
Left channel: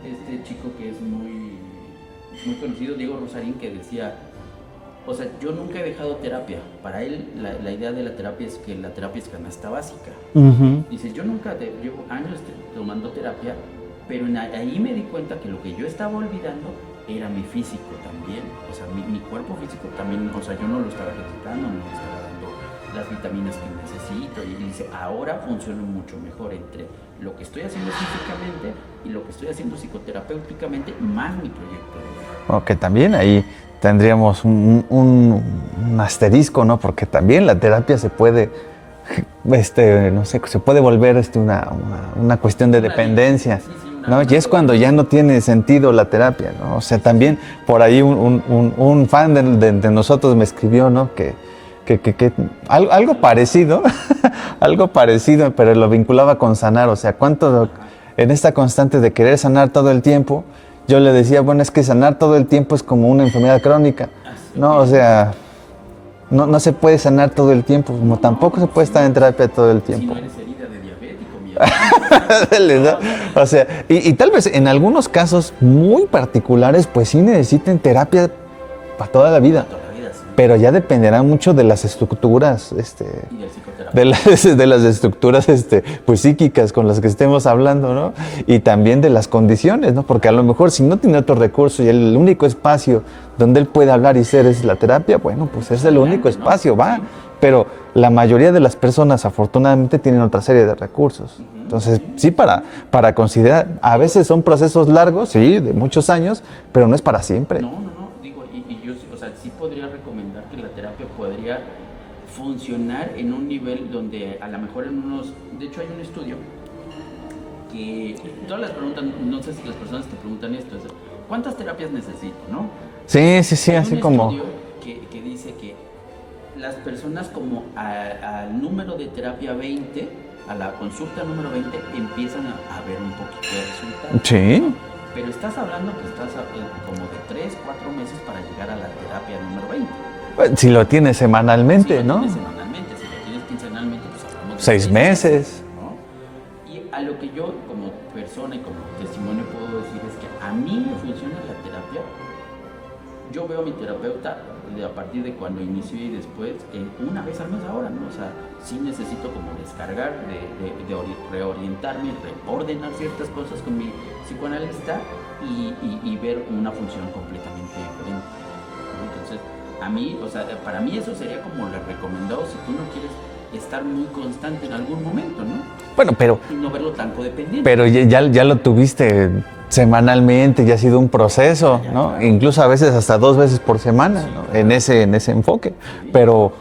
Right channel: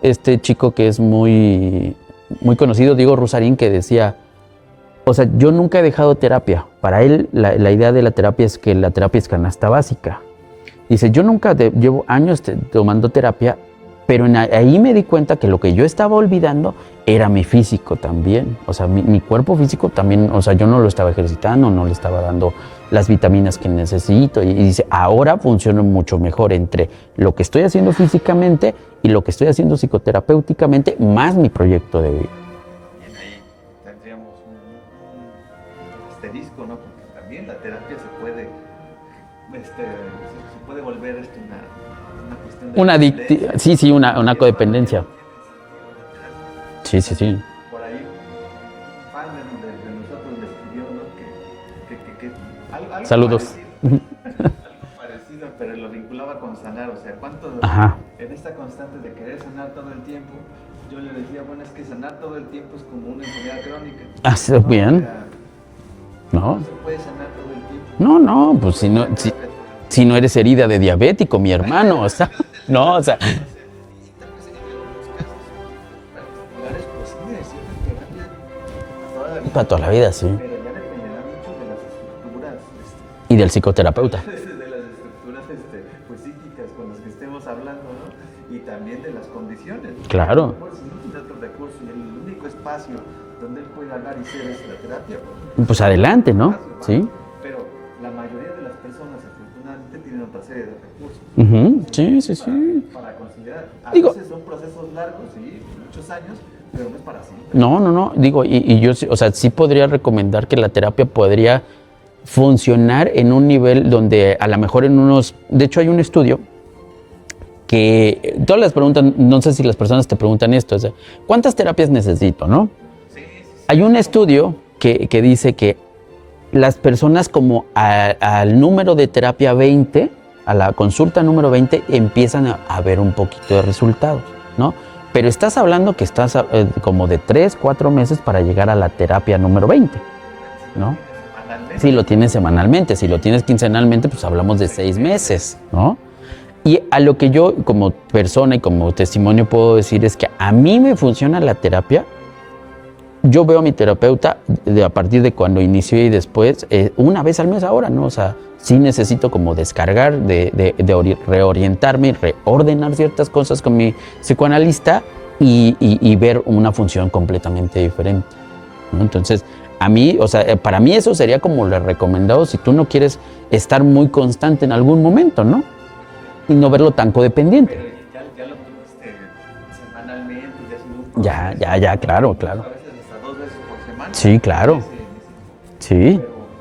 este chico que es muy conocido, Diego Rusarín, que decía, o sea, yo nunca he dejado terapia. Para él, la idea de la terapia es que la terapia es canasta básica. Dice, yo nunca llevo años tomando terapia, pero ahí me di cuenta que lo que yo estaba olvidando era mi físico también. O sea, mi cuerpo físico también, o sea, yo no lo estaba ejercitando, no le estaba dando las vitaminas que necesito. Y dice, ahora funciona mucho mejor entre lo que estoy haciendo físicamente y lo que estoy haciendo psicoterapéuticamente, más mi proyecto de vida. Que también ahí tendríamos un asterisco, ¿no? Porque también la terapia se puede, no sé, se puede volver una cuestión de dependencia. Sí, una ¿no? Y es cuando ya codependencia. no tiene sentido la terapia, ¿no? O sea, también por ahí un fan de nosotros me escribió, ¿no? Que algo Saludos. parecido, algo parecido, pero lo vinculaba con sanar. O sea, cuánto en esta constante de querer sanar todo el tiempo, yo le decía, bueno, es que sanar todo el tiempo es como una enfermedad crónica. ¿no? O sea, no se puede sanar todo el tiempo. Tampoco se puede estar en terapia todo el tiempo. Si no eres herida de diabético, mi hermano. O sea, y tal vez en algunos casos muy particulares, pues sí necesiten terapia para toda la vida. Para toda la vida, sí. Pero ya dependerá mucho de las estructuras. Y del psicoterapeuta. De las estructuras pues psíquicas con las que estemos hablando, ¿no? Y también de las condiciones, ¿no? Porque a lo mejor si no tiene otro recurso y el único espacio donde él puede hablar y ser es la terapia, bueno, pues es adelante, el único espacio, ¿no? va. Sí. Pero la mayoría de las personas afortunadamente tienen otra serie de recursos. Entonces, sí, para considerar, veces son procesos largos, sí, de muchos años, pero no es para siempre. No, digo, y yo, o sea, sí podría recomendar que la terapia podría funcionar en un nivel donde a lo mejor de hecho hay un estudio que todas las preguntan, no sé si las personas te preguntan esto, o sea, ¿cuántas terapias necesito, no? Sí. Hay un estudio que dice que las personas como al número de terapia 20, a la consulta número 20, empiezan a ver un poquito de resultado, ¿no? Pero estás hablando que estás como de 3, 4 meses para llegar a la terapia número 20. Si lo tienes semanalmente, Si lo tienes semanalmente, si lo tienes quincenalmente, pues hablamos de 6 meses, ¿no? Y a lo que yo como persona y como testimonio puedo decir es que a mí me funciona la terapia. Yo veo a mi terapeuta a partir de cuando inició y después, una vez al mes ahora, ¿no? O sea, sí necesito como descargar, reorientarme, reordenar ciertas cosas con mi psicoanalista y ver una función completamente diferente, ¿no? Entonces, a mí, o sea, para mí eso sería como lo recomendado si tú no quieres estar muy constante en algún momento, ¿no? Bueno, pero... Y no verlo tan codependiente. Pero ya lo tuviste semanalmente, ya ha sido un proceso, ¿no? Claro. Incluso a veces hasta 2 veces por semana. Sí, claro. En ese enfoque. Sí. Pero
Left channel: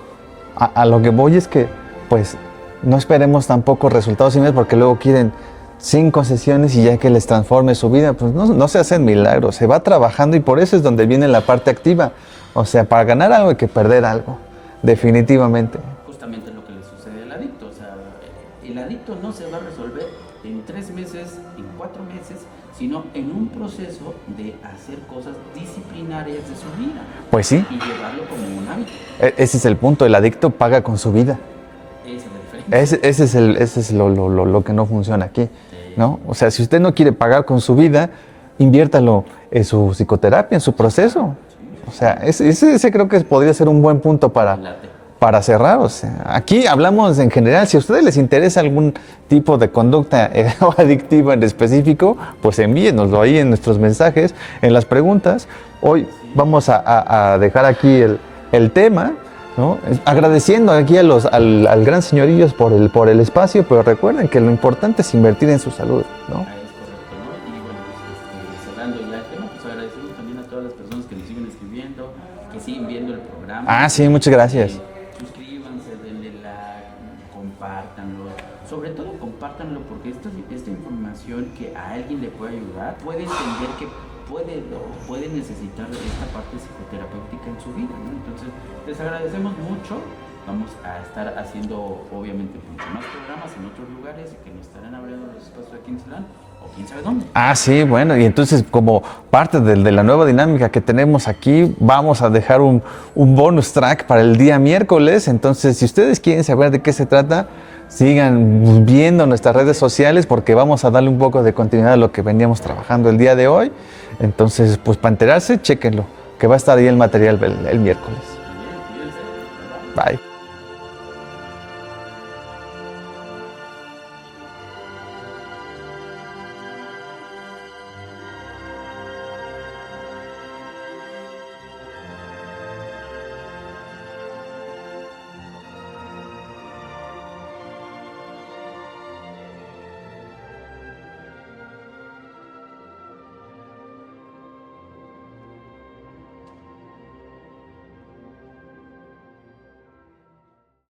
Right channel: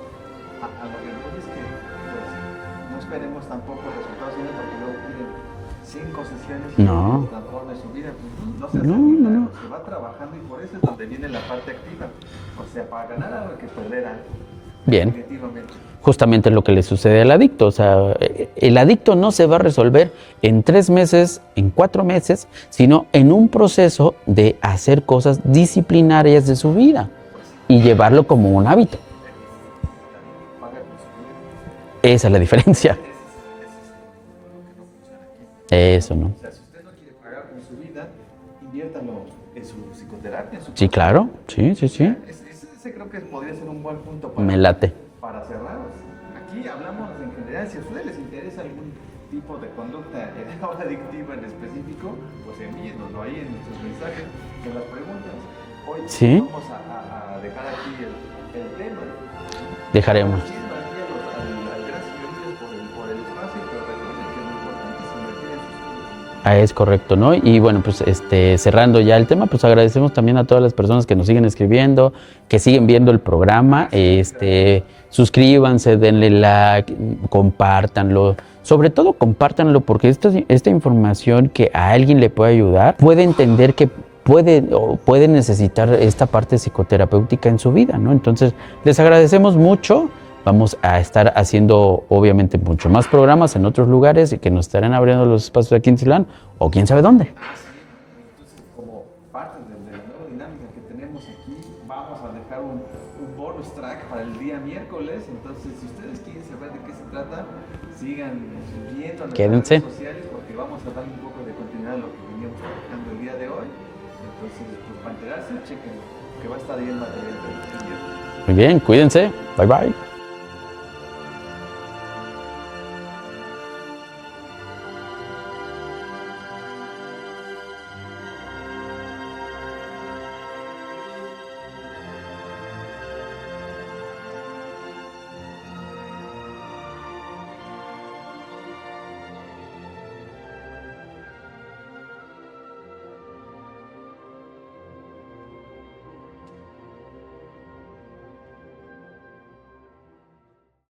a lo que voy es que, pues, no esperemos tampoco resultados inmediatos porque luego quieren 5 sesiones y ya que les transforme su vida, pues no se hacen milagros. Se va trabajando y por eso es donde viene la parte activa. O sea, para ganar algo hay que perder algo. Definitivamente. Justamente lo que le sucede al adicto. O sea, el adicto no se va a resolver en 3 meses, en 4 meses, sino en un proceso de hacer cosas disciplinarias de su vida. Pues sí. Y llevarlo como un hábito. Ese es el punto. El adicto paga con su vida. Esa es la diferencia. Ese es lo que no funciona aquí. Eso, ¿no? O sea, si usted no quiere pagar con su vida, inviértalo en su psicoterapia, en su proceso. Claro. Sí. O sea, ese creo que podría ser un buen punto para cerrar. O sea, aquí hablamos en general. Si a ustedes les interesa algún tipo de conducta adictiva en específico, pues envíenoslo ahí en nuestros mensajes, en las preguntas. Hoy vamos a dejar aquí el tema, ¿no? Agradeciendo aquí al gran señorillos por el espacio, pero recuerden que lo importante es invertir en su salud, ¿no? Es correcto, ¿no? Y bueno, pues cerrando ya el tema, pues agradecemos también a todas las personas que nos siguen escribiendo, que siguen viendo el programa. Sí, muchas gracias. Suscríbanse, denle like, compártanlo. Sobre todo compártanlo porque esta información que a alguien le puede ayudar, puede entender que puede necesitar esta parte psicoterapéutica en su vida, ¿no? Entonces, les agradecemos mucho. Vamos a estar haciendo, obviamente, mucho más programas en otros lugares y que nos estarán abriendo los espacios aquí en Titlán o quién sabe dónde. Sí, bueno, y entonces como parte de la nueva dinámica que tenemos aquí, vamos a dejar un bonus track para el día miércoles. Entonces, si ustedes quieren saber de qué se trata, sigan viendo nuestras redes sociales porque vamos a darle un poco de continuidad a lo que veníamos trabajando el día de hoy. Entonces, pues para enterarse, chéquenlo, que va a estar ahí el material el miércoles. Muy bien, cuídense. Bye, bye. Bye.